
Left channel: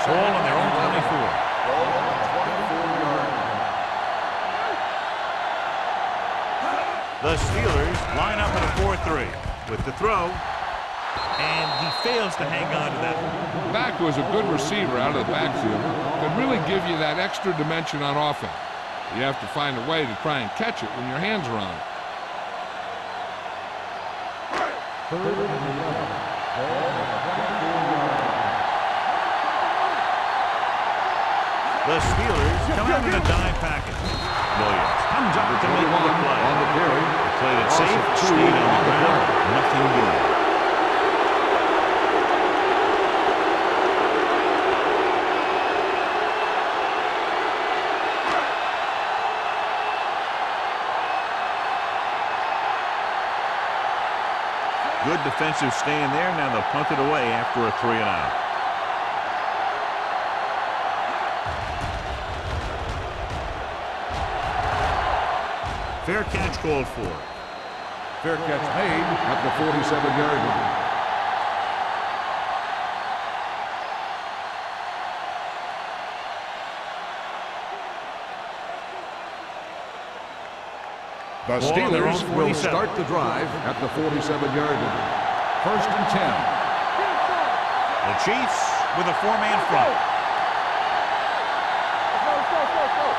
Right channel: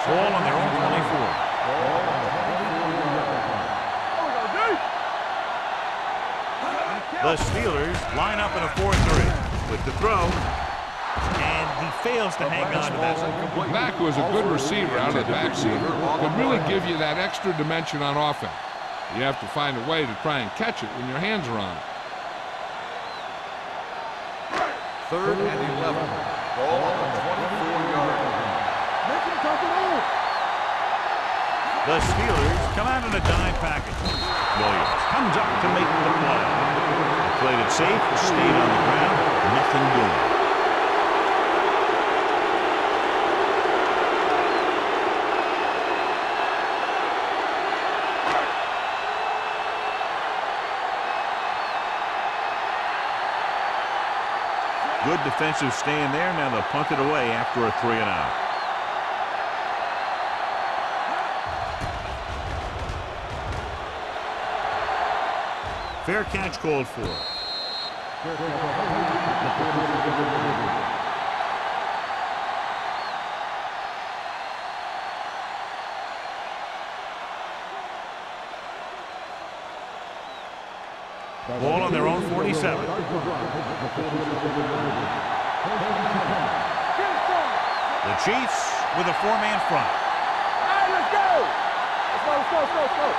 Ball on their own 24. Ball on the 24-yard line. The Steelers line up in a 4-3 with the throw, and he fails to hang on to that one. The back, who is a good receiver out of the backfield, could really give you that extra dimension on offense. You have to find a way to try and catch it when your hands are on it. Third and 11. Ball on the 24-yard line. The Steelers come out in a dime package. Williams comes up to make the play. They played it safe, stayed on the ground, nothing doing. Good defensive stand there. Now they'll punt it away after a 3 and out. Fair catch called for. Fair catch made at the 47-yard line. The Ball on their own Steelers 47. will start the drive at the 47-yard line. First and 10. The Chiefs with a 4-man front. Let's go.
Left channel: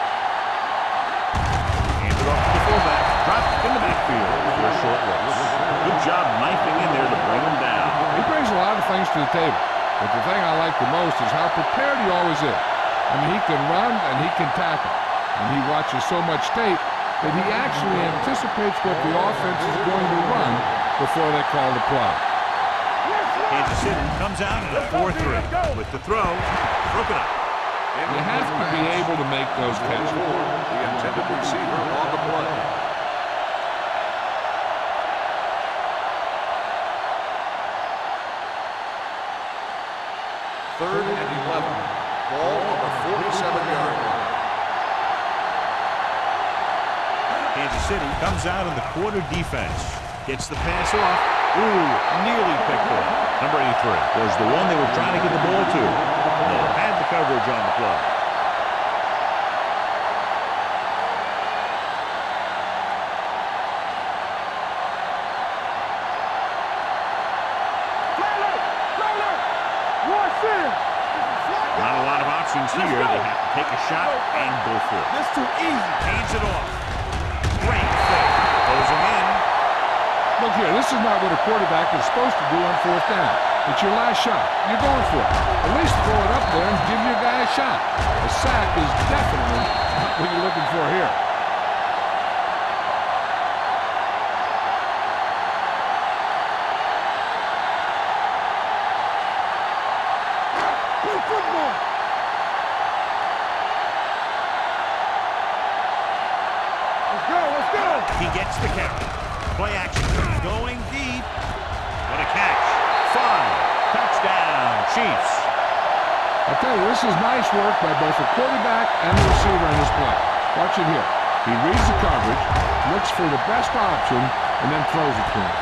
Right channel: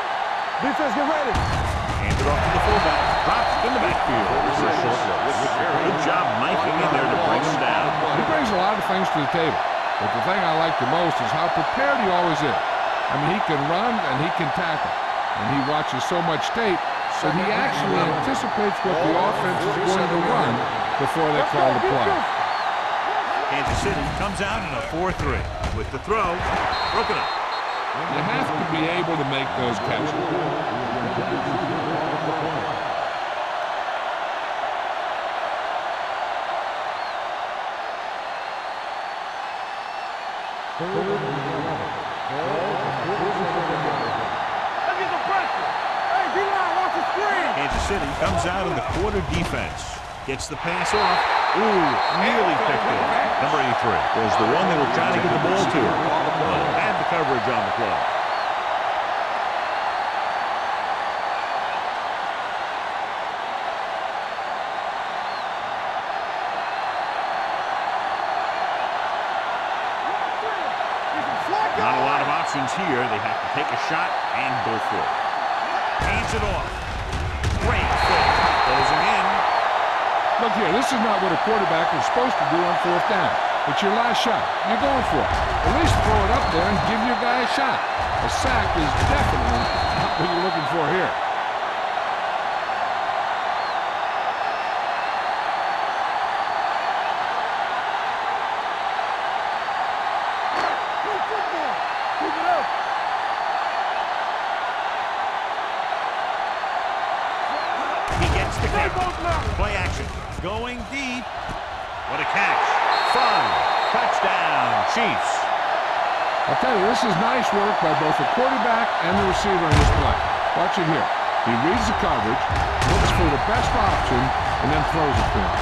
Defense, get ready. Handed off to the fullback. Dropped in the backfield for a short loss. Good job knifing in there to bring him down. He brings a lot of things to the table, but the thing I like the most is how prepared he always is. I mean, he can run and he can tackle, and he watches so much tape that he actually anticipates what the offense is going to run before they call the play. Kansas City comes out in a 4-3 with the throw broken up. You have to be able to make those catches. The intended receiver on the play. Third and 11. Ball on the 47-yard line. Kansas City comes out in the quarter defense. Gets the pass off. Ooh, nearly picked off. Number 83 was the one they were trying to get the ball to. Miller had the coverage on the play. Not a lot of options here. They have to take a shot and go for it. That's too easy. Hands it off. Great fake. Closing in. Look here, this is not what a quarterback is supposed to do on fourth down. It's your last shot. You're going for it. At least throw it up there and give your guy a shot. A sack is definitely not what you're looking for here. Play football. Keep it up. Let's go. He gets the count. Play action. Going deep. What a catch. 5. Touchdown, Chiefs. I'll tell you, this is nice work by both the quarterback and the receiver in this play. Watch it here. He reads the coverage, looks for the best option, and then throws it to him.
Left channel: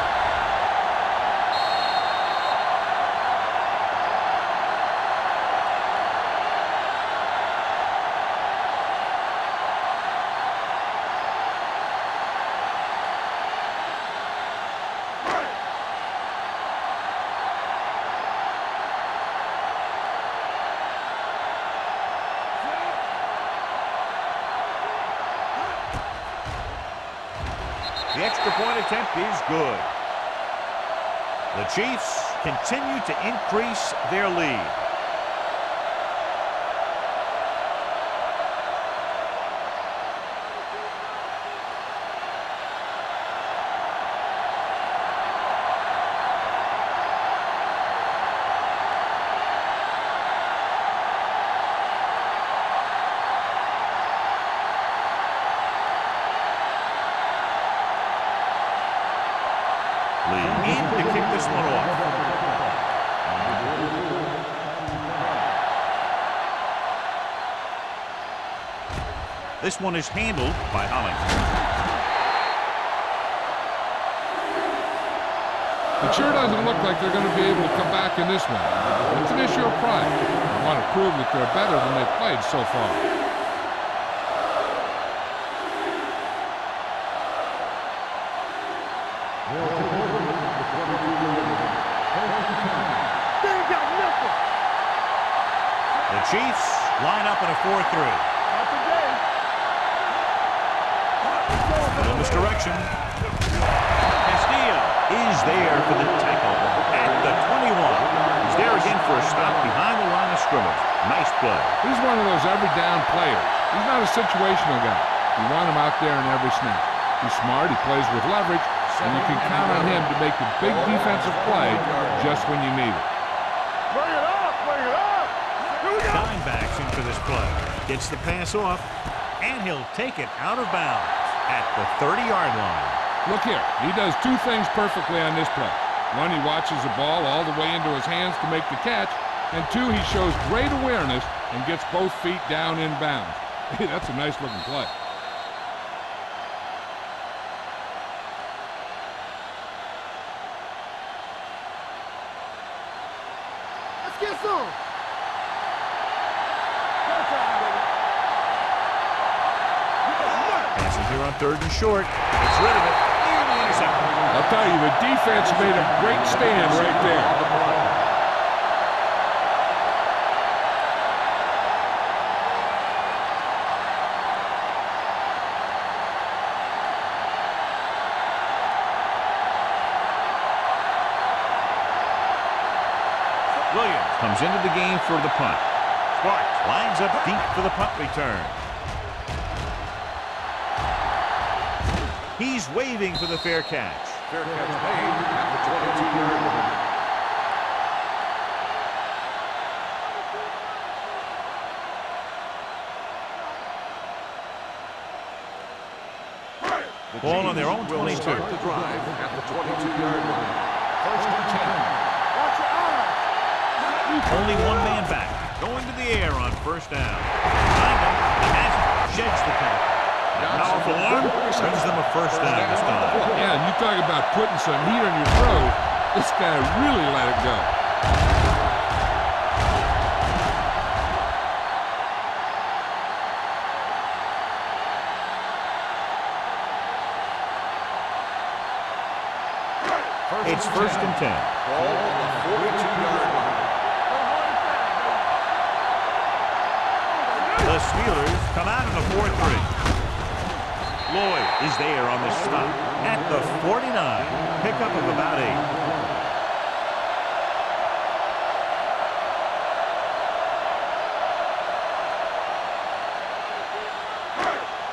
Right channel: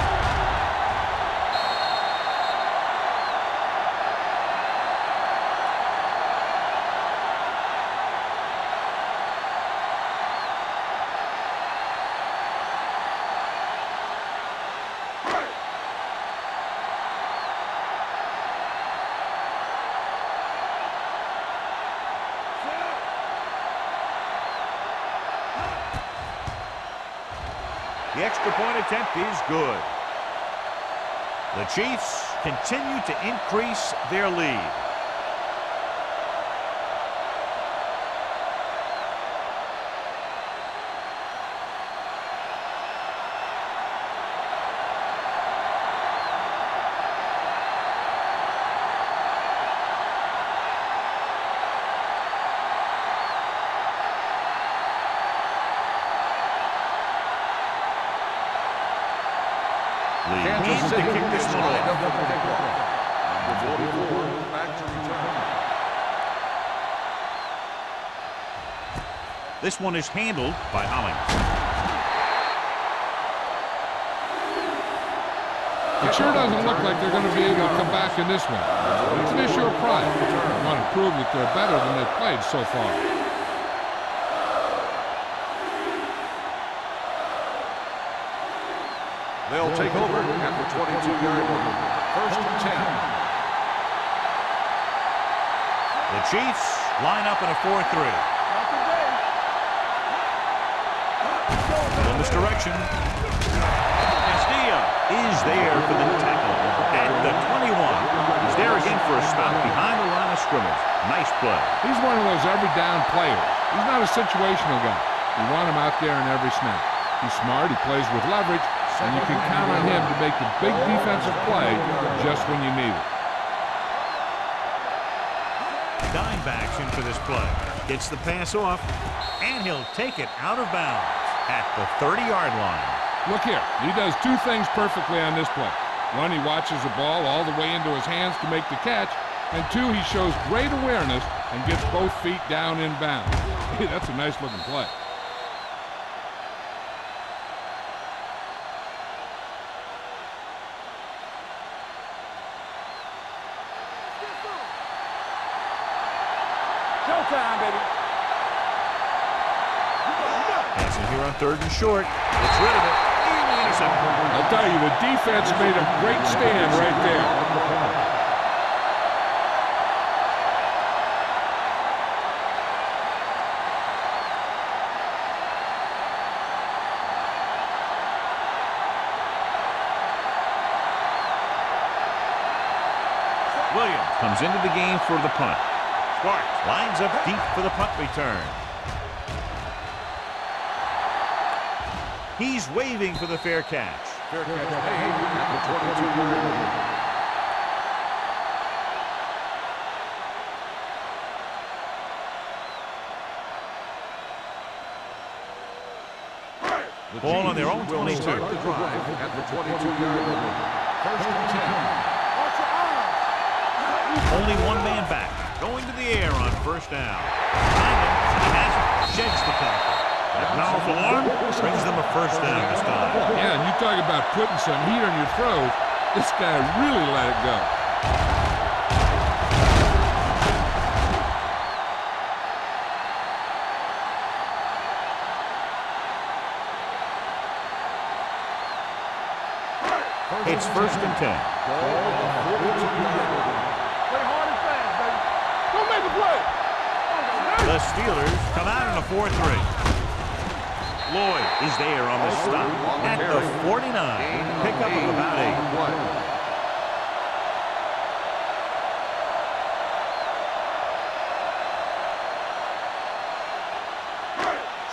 The extra point attempt is good. The Chiefs continue to increase their lead. Lee in to kick this one off. This one is handled by Holling. It sure doesn't look like they're going to be able to come back in this one. It's an issue of pride. They want to prove that they're better than they've played so far. They'll take over at the 22-yard line. First and 10. The Chiefs line up in a 4-3. Not today. Little misdirection. Castillo is there for the tackle at the 21. He's there again for a stop behind the line of scrimmage. Nice play. He's one of those every down players. He's not a situational guy. You want him out there in every snap. He's smart, he plays with leverage, and you can count on him to make a big defensive play just when you need it. Dime backs in for this play. Gets the pass off, and he'll take it out of bounds at the 30-yard line. Look here, he does two things perfectly on this play. One, he watches the ball all the way into his hands to make the catch, and two, he shows great awareness and gets both feet down in bounds. Hey, that's a nice-looking play. Showtime, baby. Passing here on 3rd and short. Gets rid of it. Nearly intercepted. I'll tell you, the defense made a great stand right there. Williams comes into the game for the punt. Sparks lines up deep for the punt return. He's waving for the fair catch. Fair catch made at the 22-yard line. The Ball on their own Chiefs will 22. start the drive at the 22-yard line. First and 10. Watch your eyes. Only one man back. Going to the air on 1st down. Behind him, he has it. Sheds the tackle. That powerful arm brings them a 1st down this time. Yeah, and you talk about putting some heat on your throws. This guy really let it go. It's 1st and 10. Ball on the 42-yard line. Play hard and fast, baby. Go make a play. The Steelers come out in a 4-3. Lloyd is there on the stop at the 49. Pickup of about 8.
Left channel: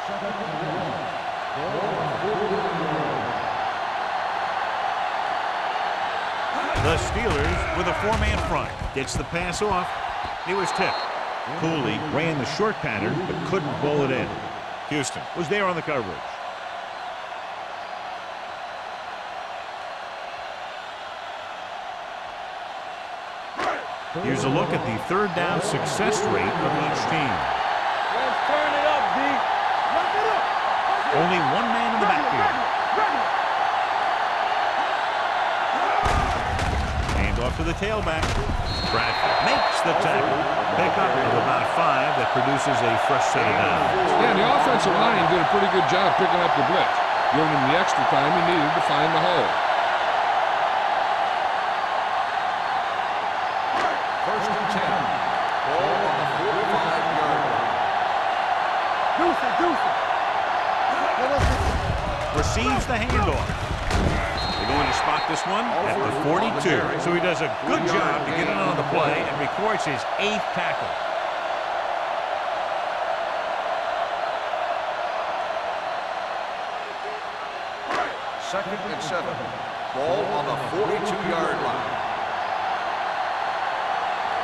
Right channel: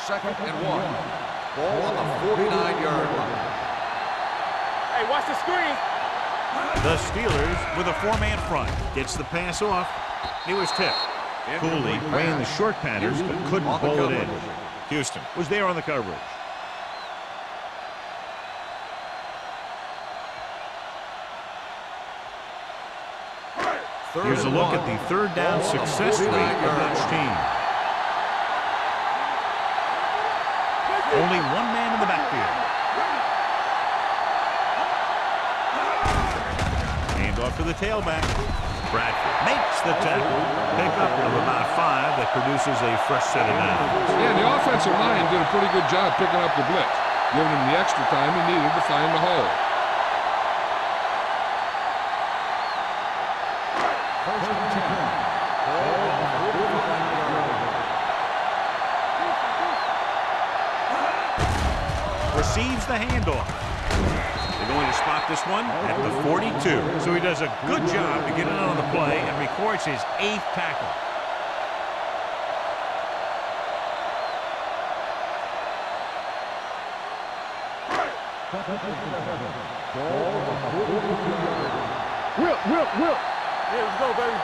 Second and 1. Ball on the 49-yard line. Hey, watch the screen. The Steelers with a 4-man front. Gets the pass off. It was tipped. Cooley ran the short patterns but couldn't pull it in. Houston was there on the coverage. Here's a look at the 3rd down success rate of each team. Let's turn it up, D. Lock it up. Let's get Only one man in the backfield. Hand off to the tailback. Bradford makes the tackle. Pickup of about 5 that produces a fresh set of downs. Yeah, and the offensive line did a pretty good job picking up the blitz, giving him the extra time he needed to find the hole. First and 10. Ball on the 45-yard line. The receives the handoff. They're going to spot this one at the 42. So he does a good job to get in on the play and records his 8th tackle. Second and 7. Ball on the 42-yard line. Whip. There you go, baby.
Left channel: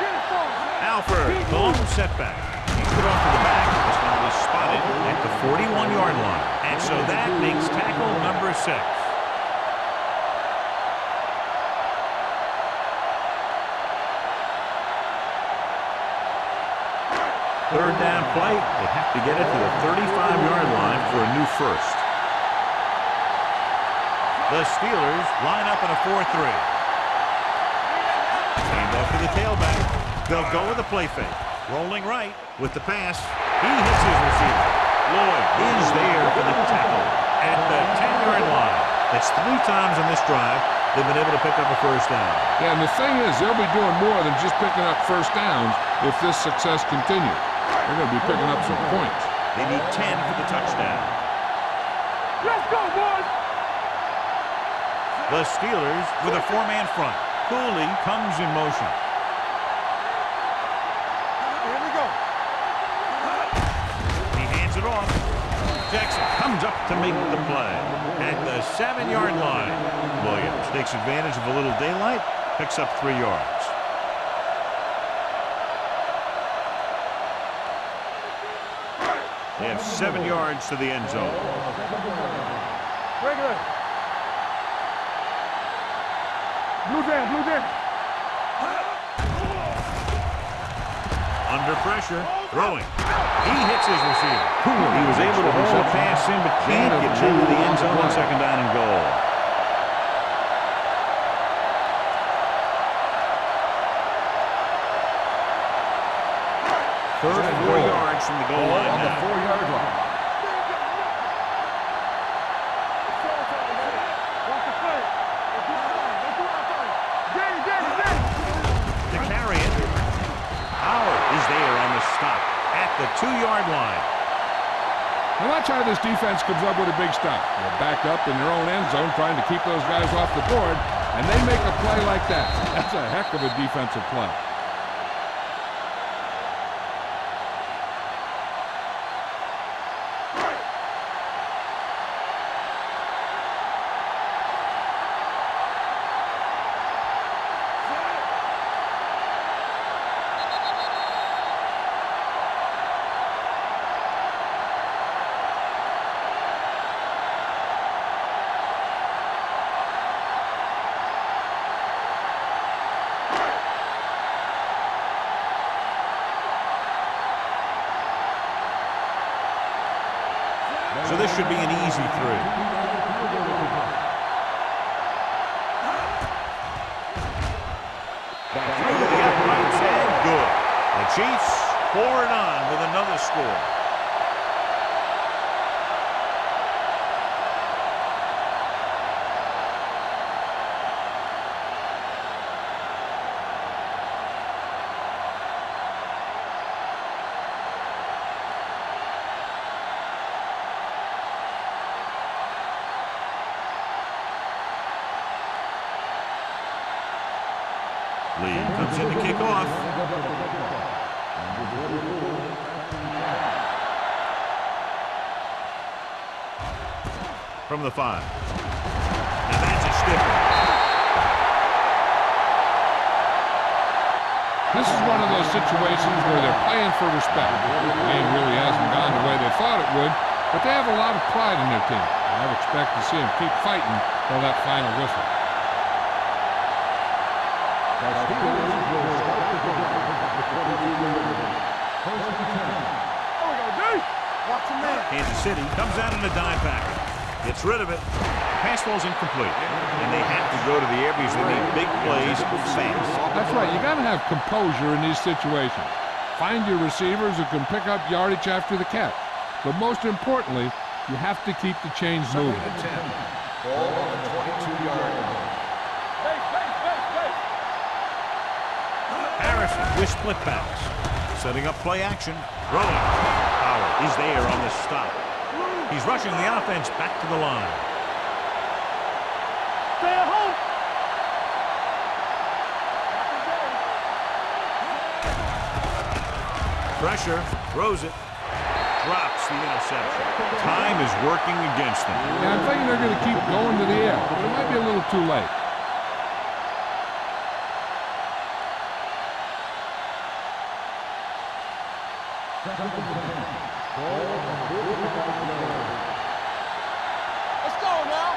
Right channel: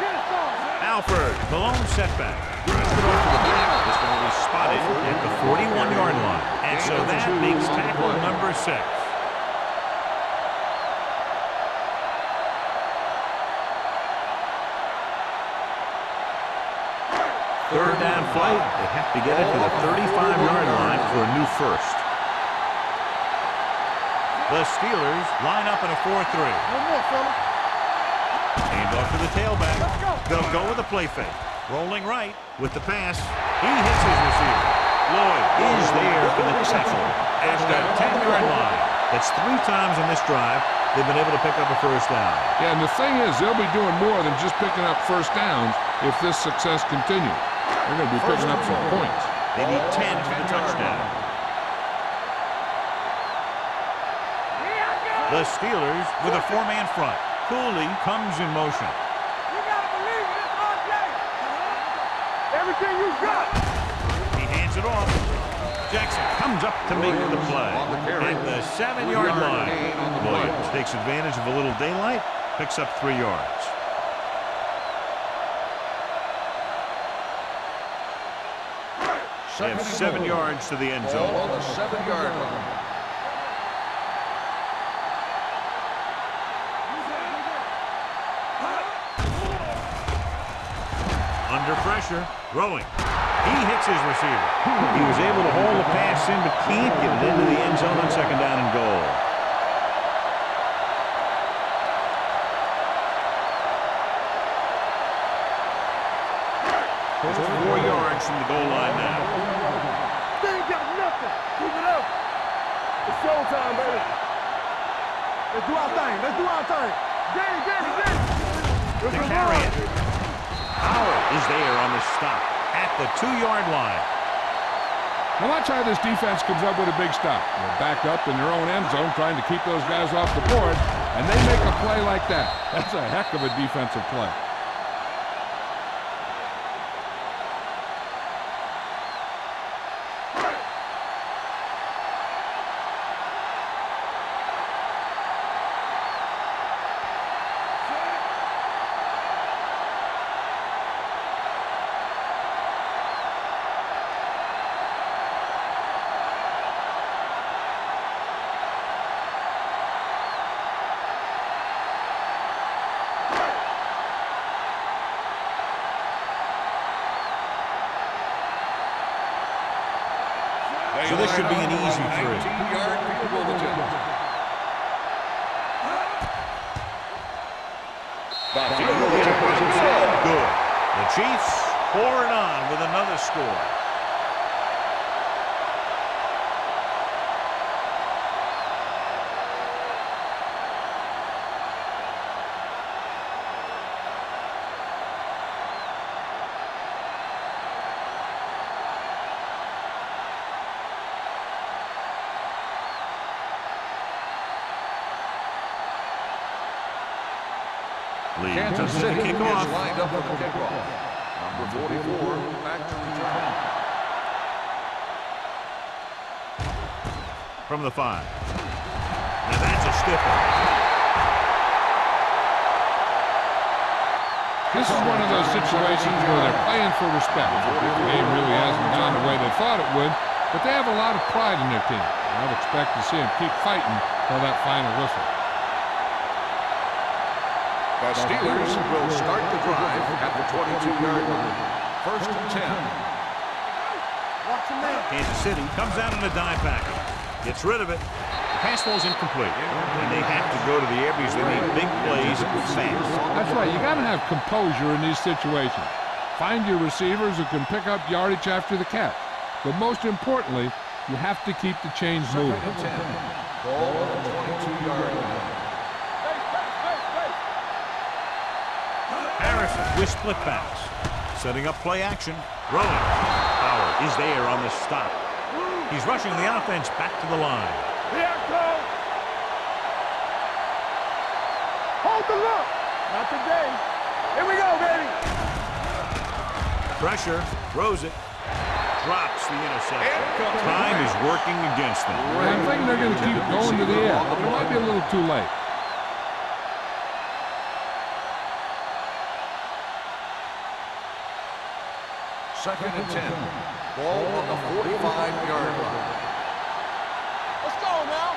Get it started. Alford, the lone setback. He's put off to the back. This one will be spotted at the 41-yard line. And so that makes tackle number 6. Third down play. They have to get it to the 35-yard line for a new first. The Steelers line up in a 4-3. Hand off to the tailback. They'll go with a play fake. Rolling right with the pass. He hits his receiver. Lloyd is there for the tackle at the 10-yard line. That's 3 times on this drive they've been able to pick up a first down. Yeah, and the thing is, they'll be doing more than just picking up first downs if this success continues. They're going to be picking up some points. They need 10 for the touchdown. Let's go, boys. The Steelers with a 4-man front. Cooley comes in motion. You gotta believe it. It's our day. Here we go. Everything you got. He hands it off. Jackson comes up to make the play at the 7-yard line. Williams takes advantage of a little daylight, picks up 3 yards. They have 7 yards to the end zone. Ball on the 7-yard line. Under pressure, throwing. He hits his receiver. He was able to haul the pass in, but can't get it into the end zone on 2nd down and goal. First 4 yards from the goal line now. They ain't got nothing. Keep it up. It's showtime, baby. Let's do our thing. Let's do our thing. Get it. To carry it, Howard is there on the stop at the 2-yard line. Now watch how this defense comes up with a big stop. They're backed up in their own end zone trying to keep those guys off the board, and they make a play like that. That's a heck of a defensive play. So this should be an easy 3. Through the uprights and good. The Chiefs pour it on with another score. Lee comes in to kick off. From the 5. Now that's a stiff one. This is one of those situations where they're playing for respect. The game really hasn't gone the way they thought it would, but they have a lot of pride in their team. I'd expect to see them keep fighting till that final whistle. The Steelers will start the drive at the 22-yard line. First and 10. Watch him there. Kansas City comes out in a dime package. Gets rid of it. The pass ball's incomplete. And they have to go to the air because they need big plays fast. That's right. You got to have composure in these situations. Find your receivers who can pick up yardage after the catch. But most importantly, you have to keep the chains moving. Second and 10. Ball on the 22-yard line. Harrison with split backs. Setting up play action. Throwing. Howard is there on the stop. He's rushing the offense back to the line. Stay at home. Hold the look. Not today. Here we go, baby. Pressure, throws it, drops the interception. Time is working against them. Yeah, I'm thinking they're going to keep going to the air, but it might be a little too late. Second and 10. Ball on the 45-yard line. Let's go now.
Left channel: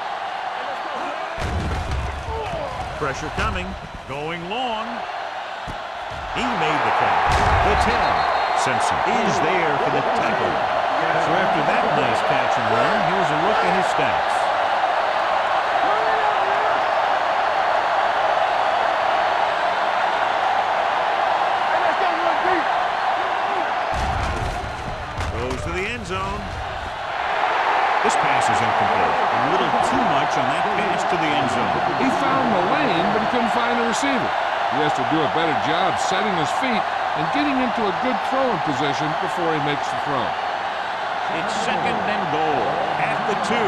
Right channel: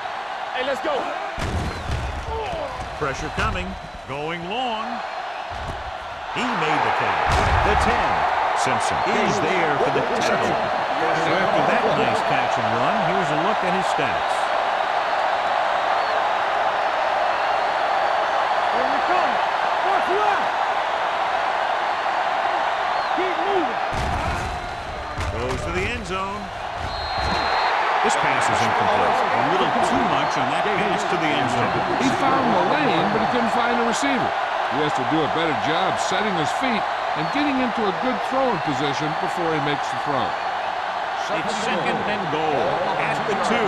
Hey, let's go. Pressure coming, going long. He made the catch. The 10. Simpson is there for the tackle. So after that nice catch and run, here's a look at his stats. Goes to the end zone. This pass is incomplete. A little too much on that pass to the end zone. He found the lane, but he couldn't find the receiver. He has to do a better job setting his feet and getting into a good throwing position before he makes the throw. It's second and goal at the 2.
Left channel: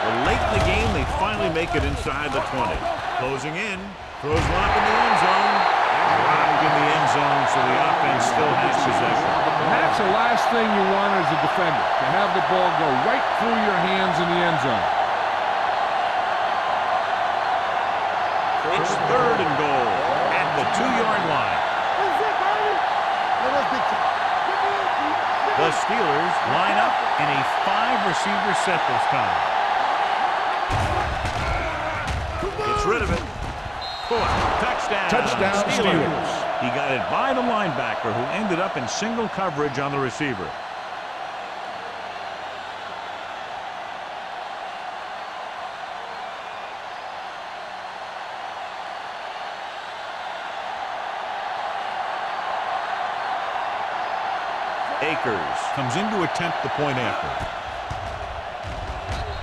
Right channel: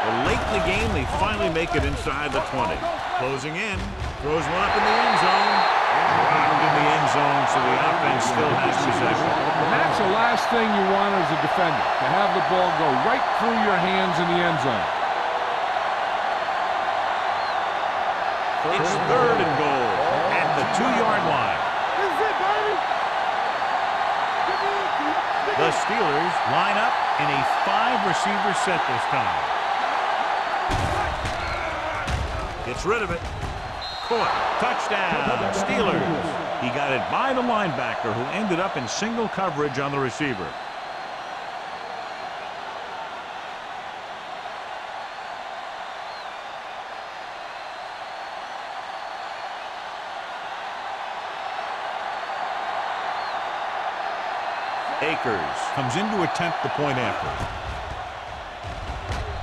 Well, late in the game, they finally make it inside the 20. Closing in, throws one up in the end zone, and dropped in the end zone, so the offense still has possession. And that's the last thing you want as a defender, to have the ball go right through your hands in the end zone. It's third and goal at the 2-yard line. This is it, baby. The Steelers line up in a 5-receiver set this time. Gets rid of it. Caught. Touchdown. Steelers. He got it by the linebacker, who ended up in single coverage on the receiver. Akers comes in to attempt the point after.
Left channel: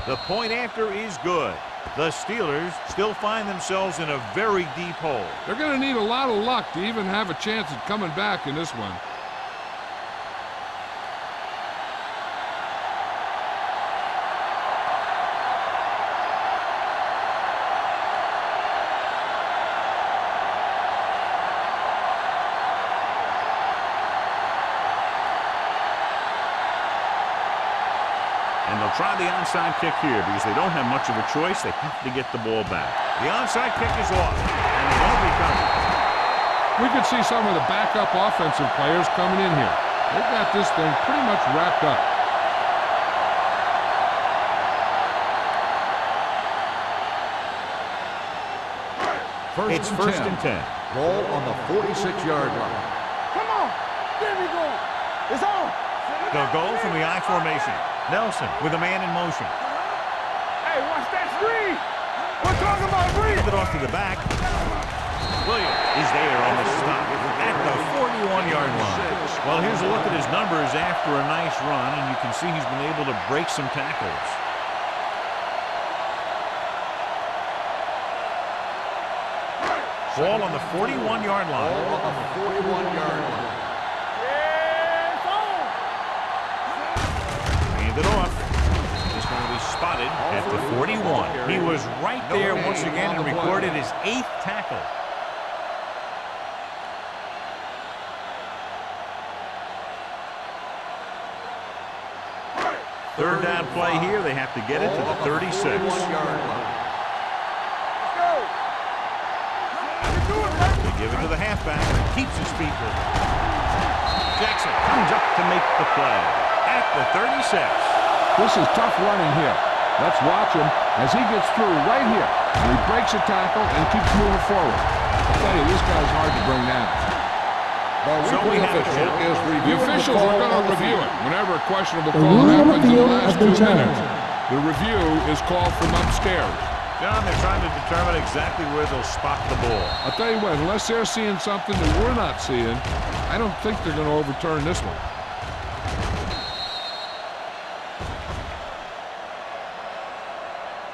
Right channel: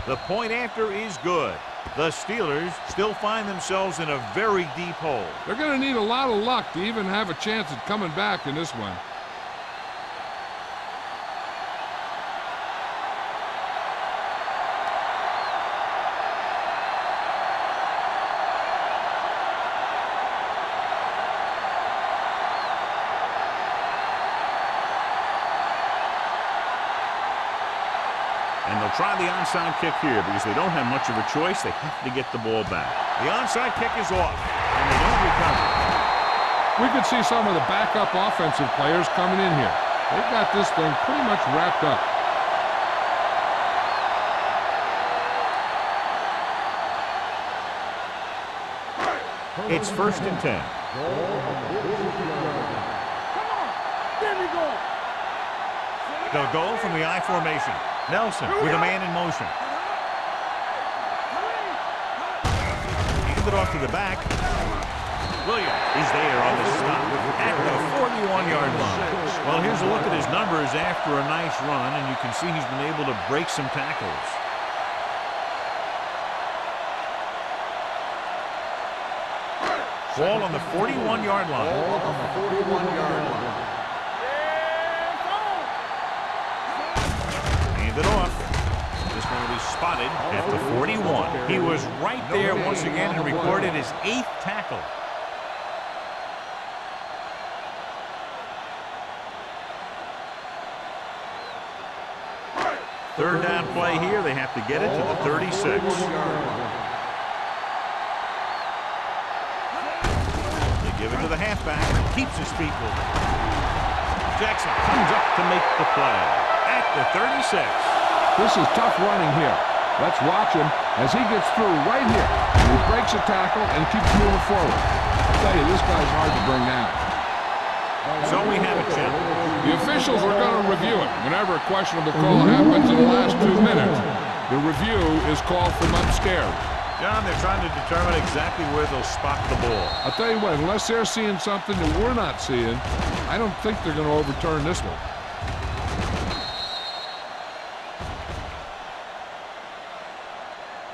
The point after is good. The Steelers still find themselves in a very deep hole. They're going to need a lot of luck to even have a chance at coming back in this one. And they'll try the onside kick here because they don't have much of a choice. They have to get the ball back. The onside kick is off, and they don't recover. We could see some of the backup offensive players coming in here. They've got this thing pretty much wrapped up. It's first and 10. Ball on the 46-yard line. Come on. There we go. It's on. They'll go from the I formation. Nelson with a man in motion. Hey, watch that screen. We're talking about screen. Hand it off to the back. Williams is there on the stop at the 41-yard line. Well, here's a look at his numbers after a nice run, and you can see he's been able to break some tackles. Ball on the 41-yard line. Ball on the 41-yard line. Hand it off. This one will be spotted at the 41. He was right there once again and recorded his 8th tackle. Third down play here. They have to get it to the 36. They give it to the halfback. Keeps his feet moving. Jackson comes up to make the play at the 36. This is tough running here. Let's watch him as he gets through right here. And he breaks a tackle and keeps moving forward. I'll tell you, this guy's hard to bring down. So we have a challenge. The officials are going to review it. Whenever a questionable call happens in the last 2 minutes, the review is called from upstairs. John, they're trying to determine exactly where they'll spot the ball. I'll tell you what, unless they're seeing something that we're not seeing, I don't think they're going to overturn this one.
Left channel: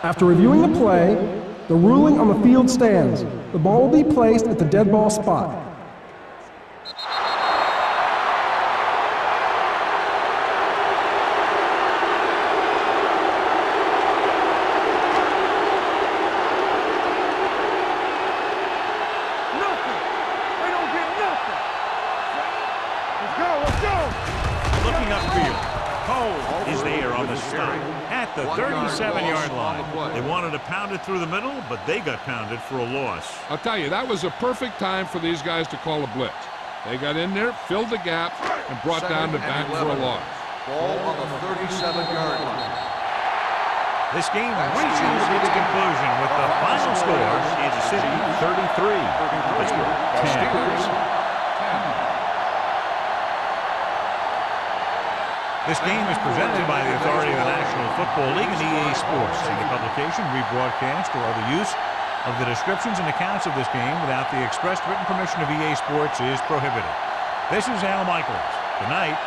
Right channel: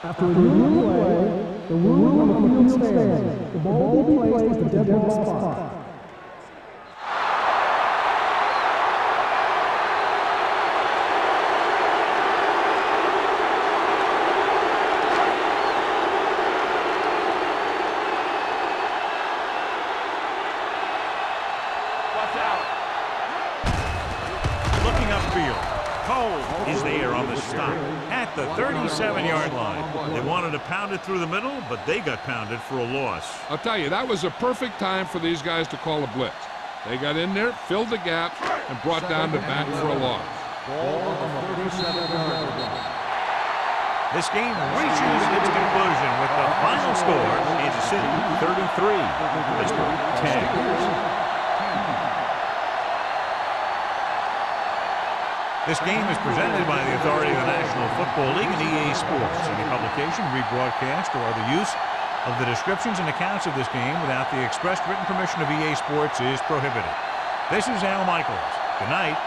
After reviewing the play, the ruling on the field stands. The ball will be placed at the dead ball spot. field. Cole is there on the stop at the 37-yard line. They wanted to pound it through the middle, but they got pounded for a loss. I'll tell you, that was a perfect time for these guys to call a blitz. They got in there, filled the gaps, and brought down the back for a loss. Ball on the 37-yard line. This game reaches its conclusion with the final score, Kansas City 33, Pittsburgh 10. Steelers 10. This game is presented by the authority of the National Football League and EA Sports. Any publication, rebroadcast, or other use of the descriptions and accounts of this game without the expressed written permission of EA Sports is prohibited. This is Al Michaels. Good night.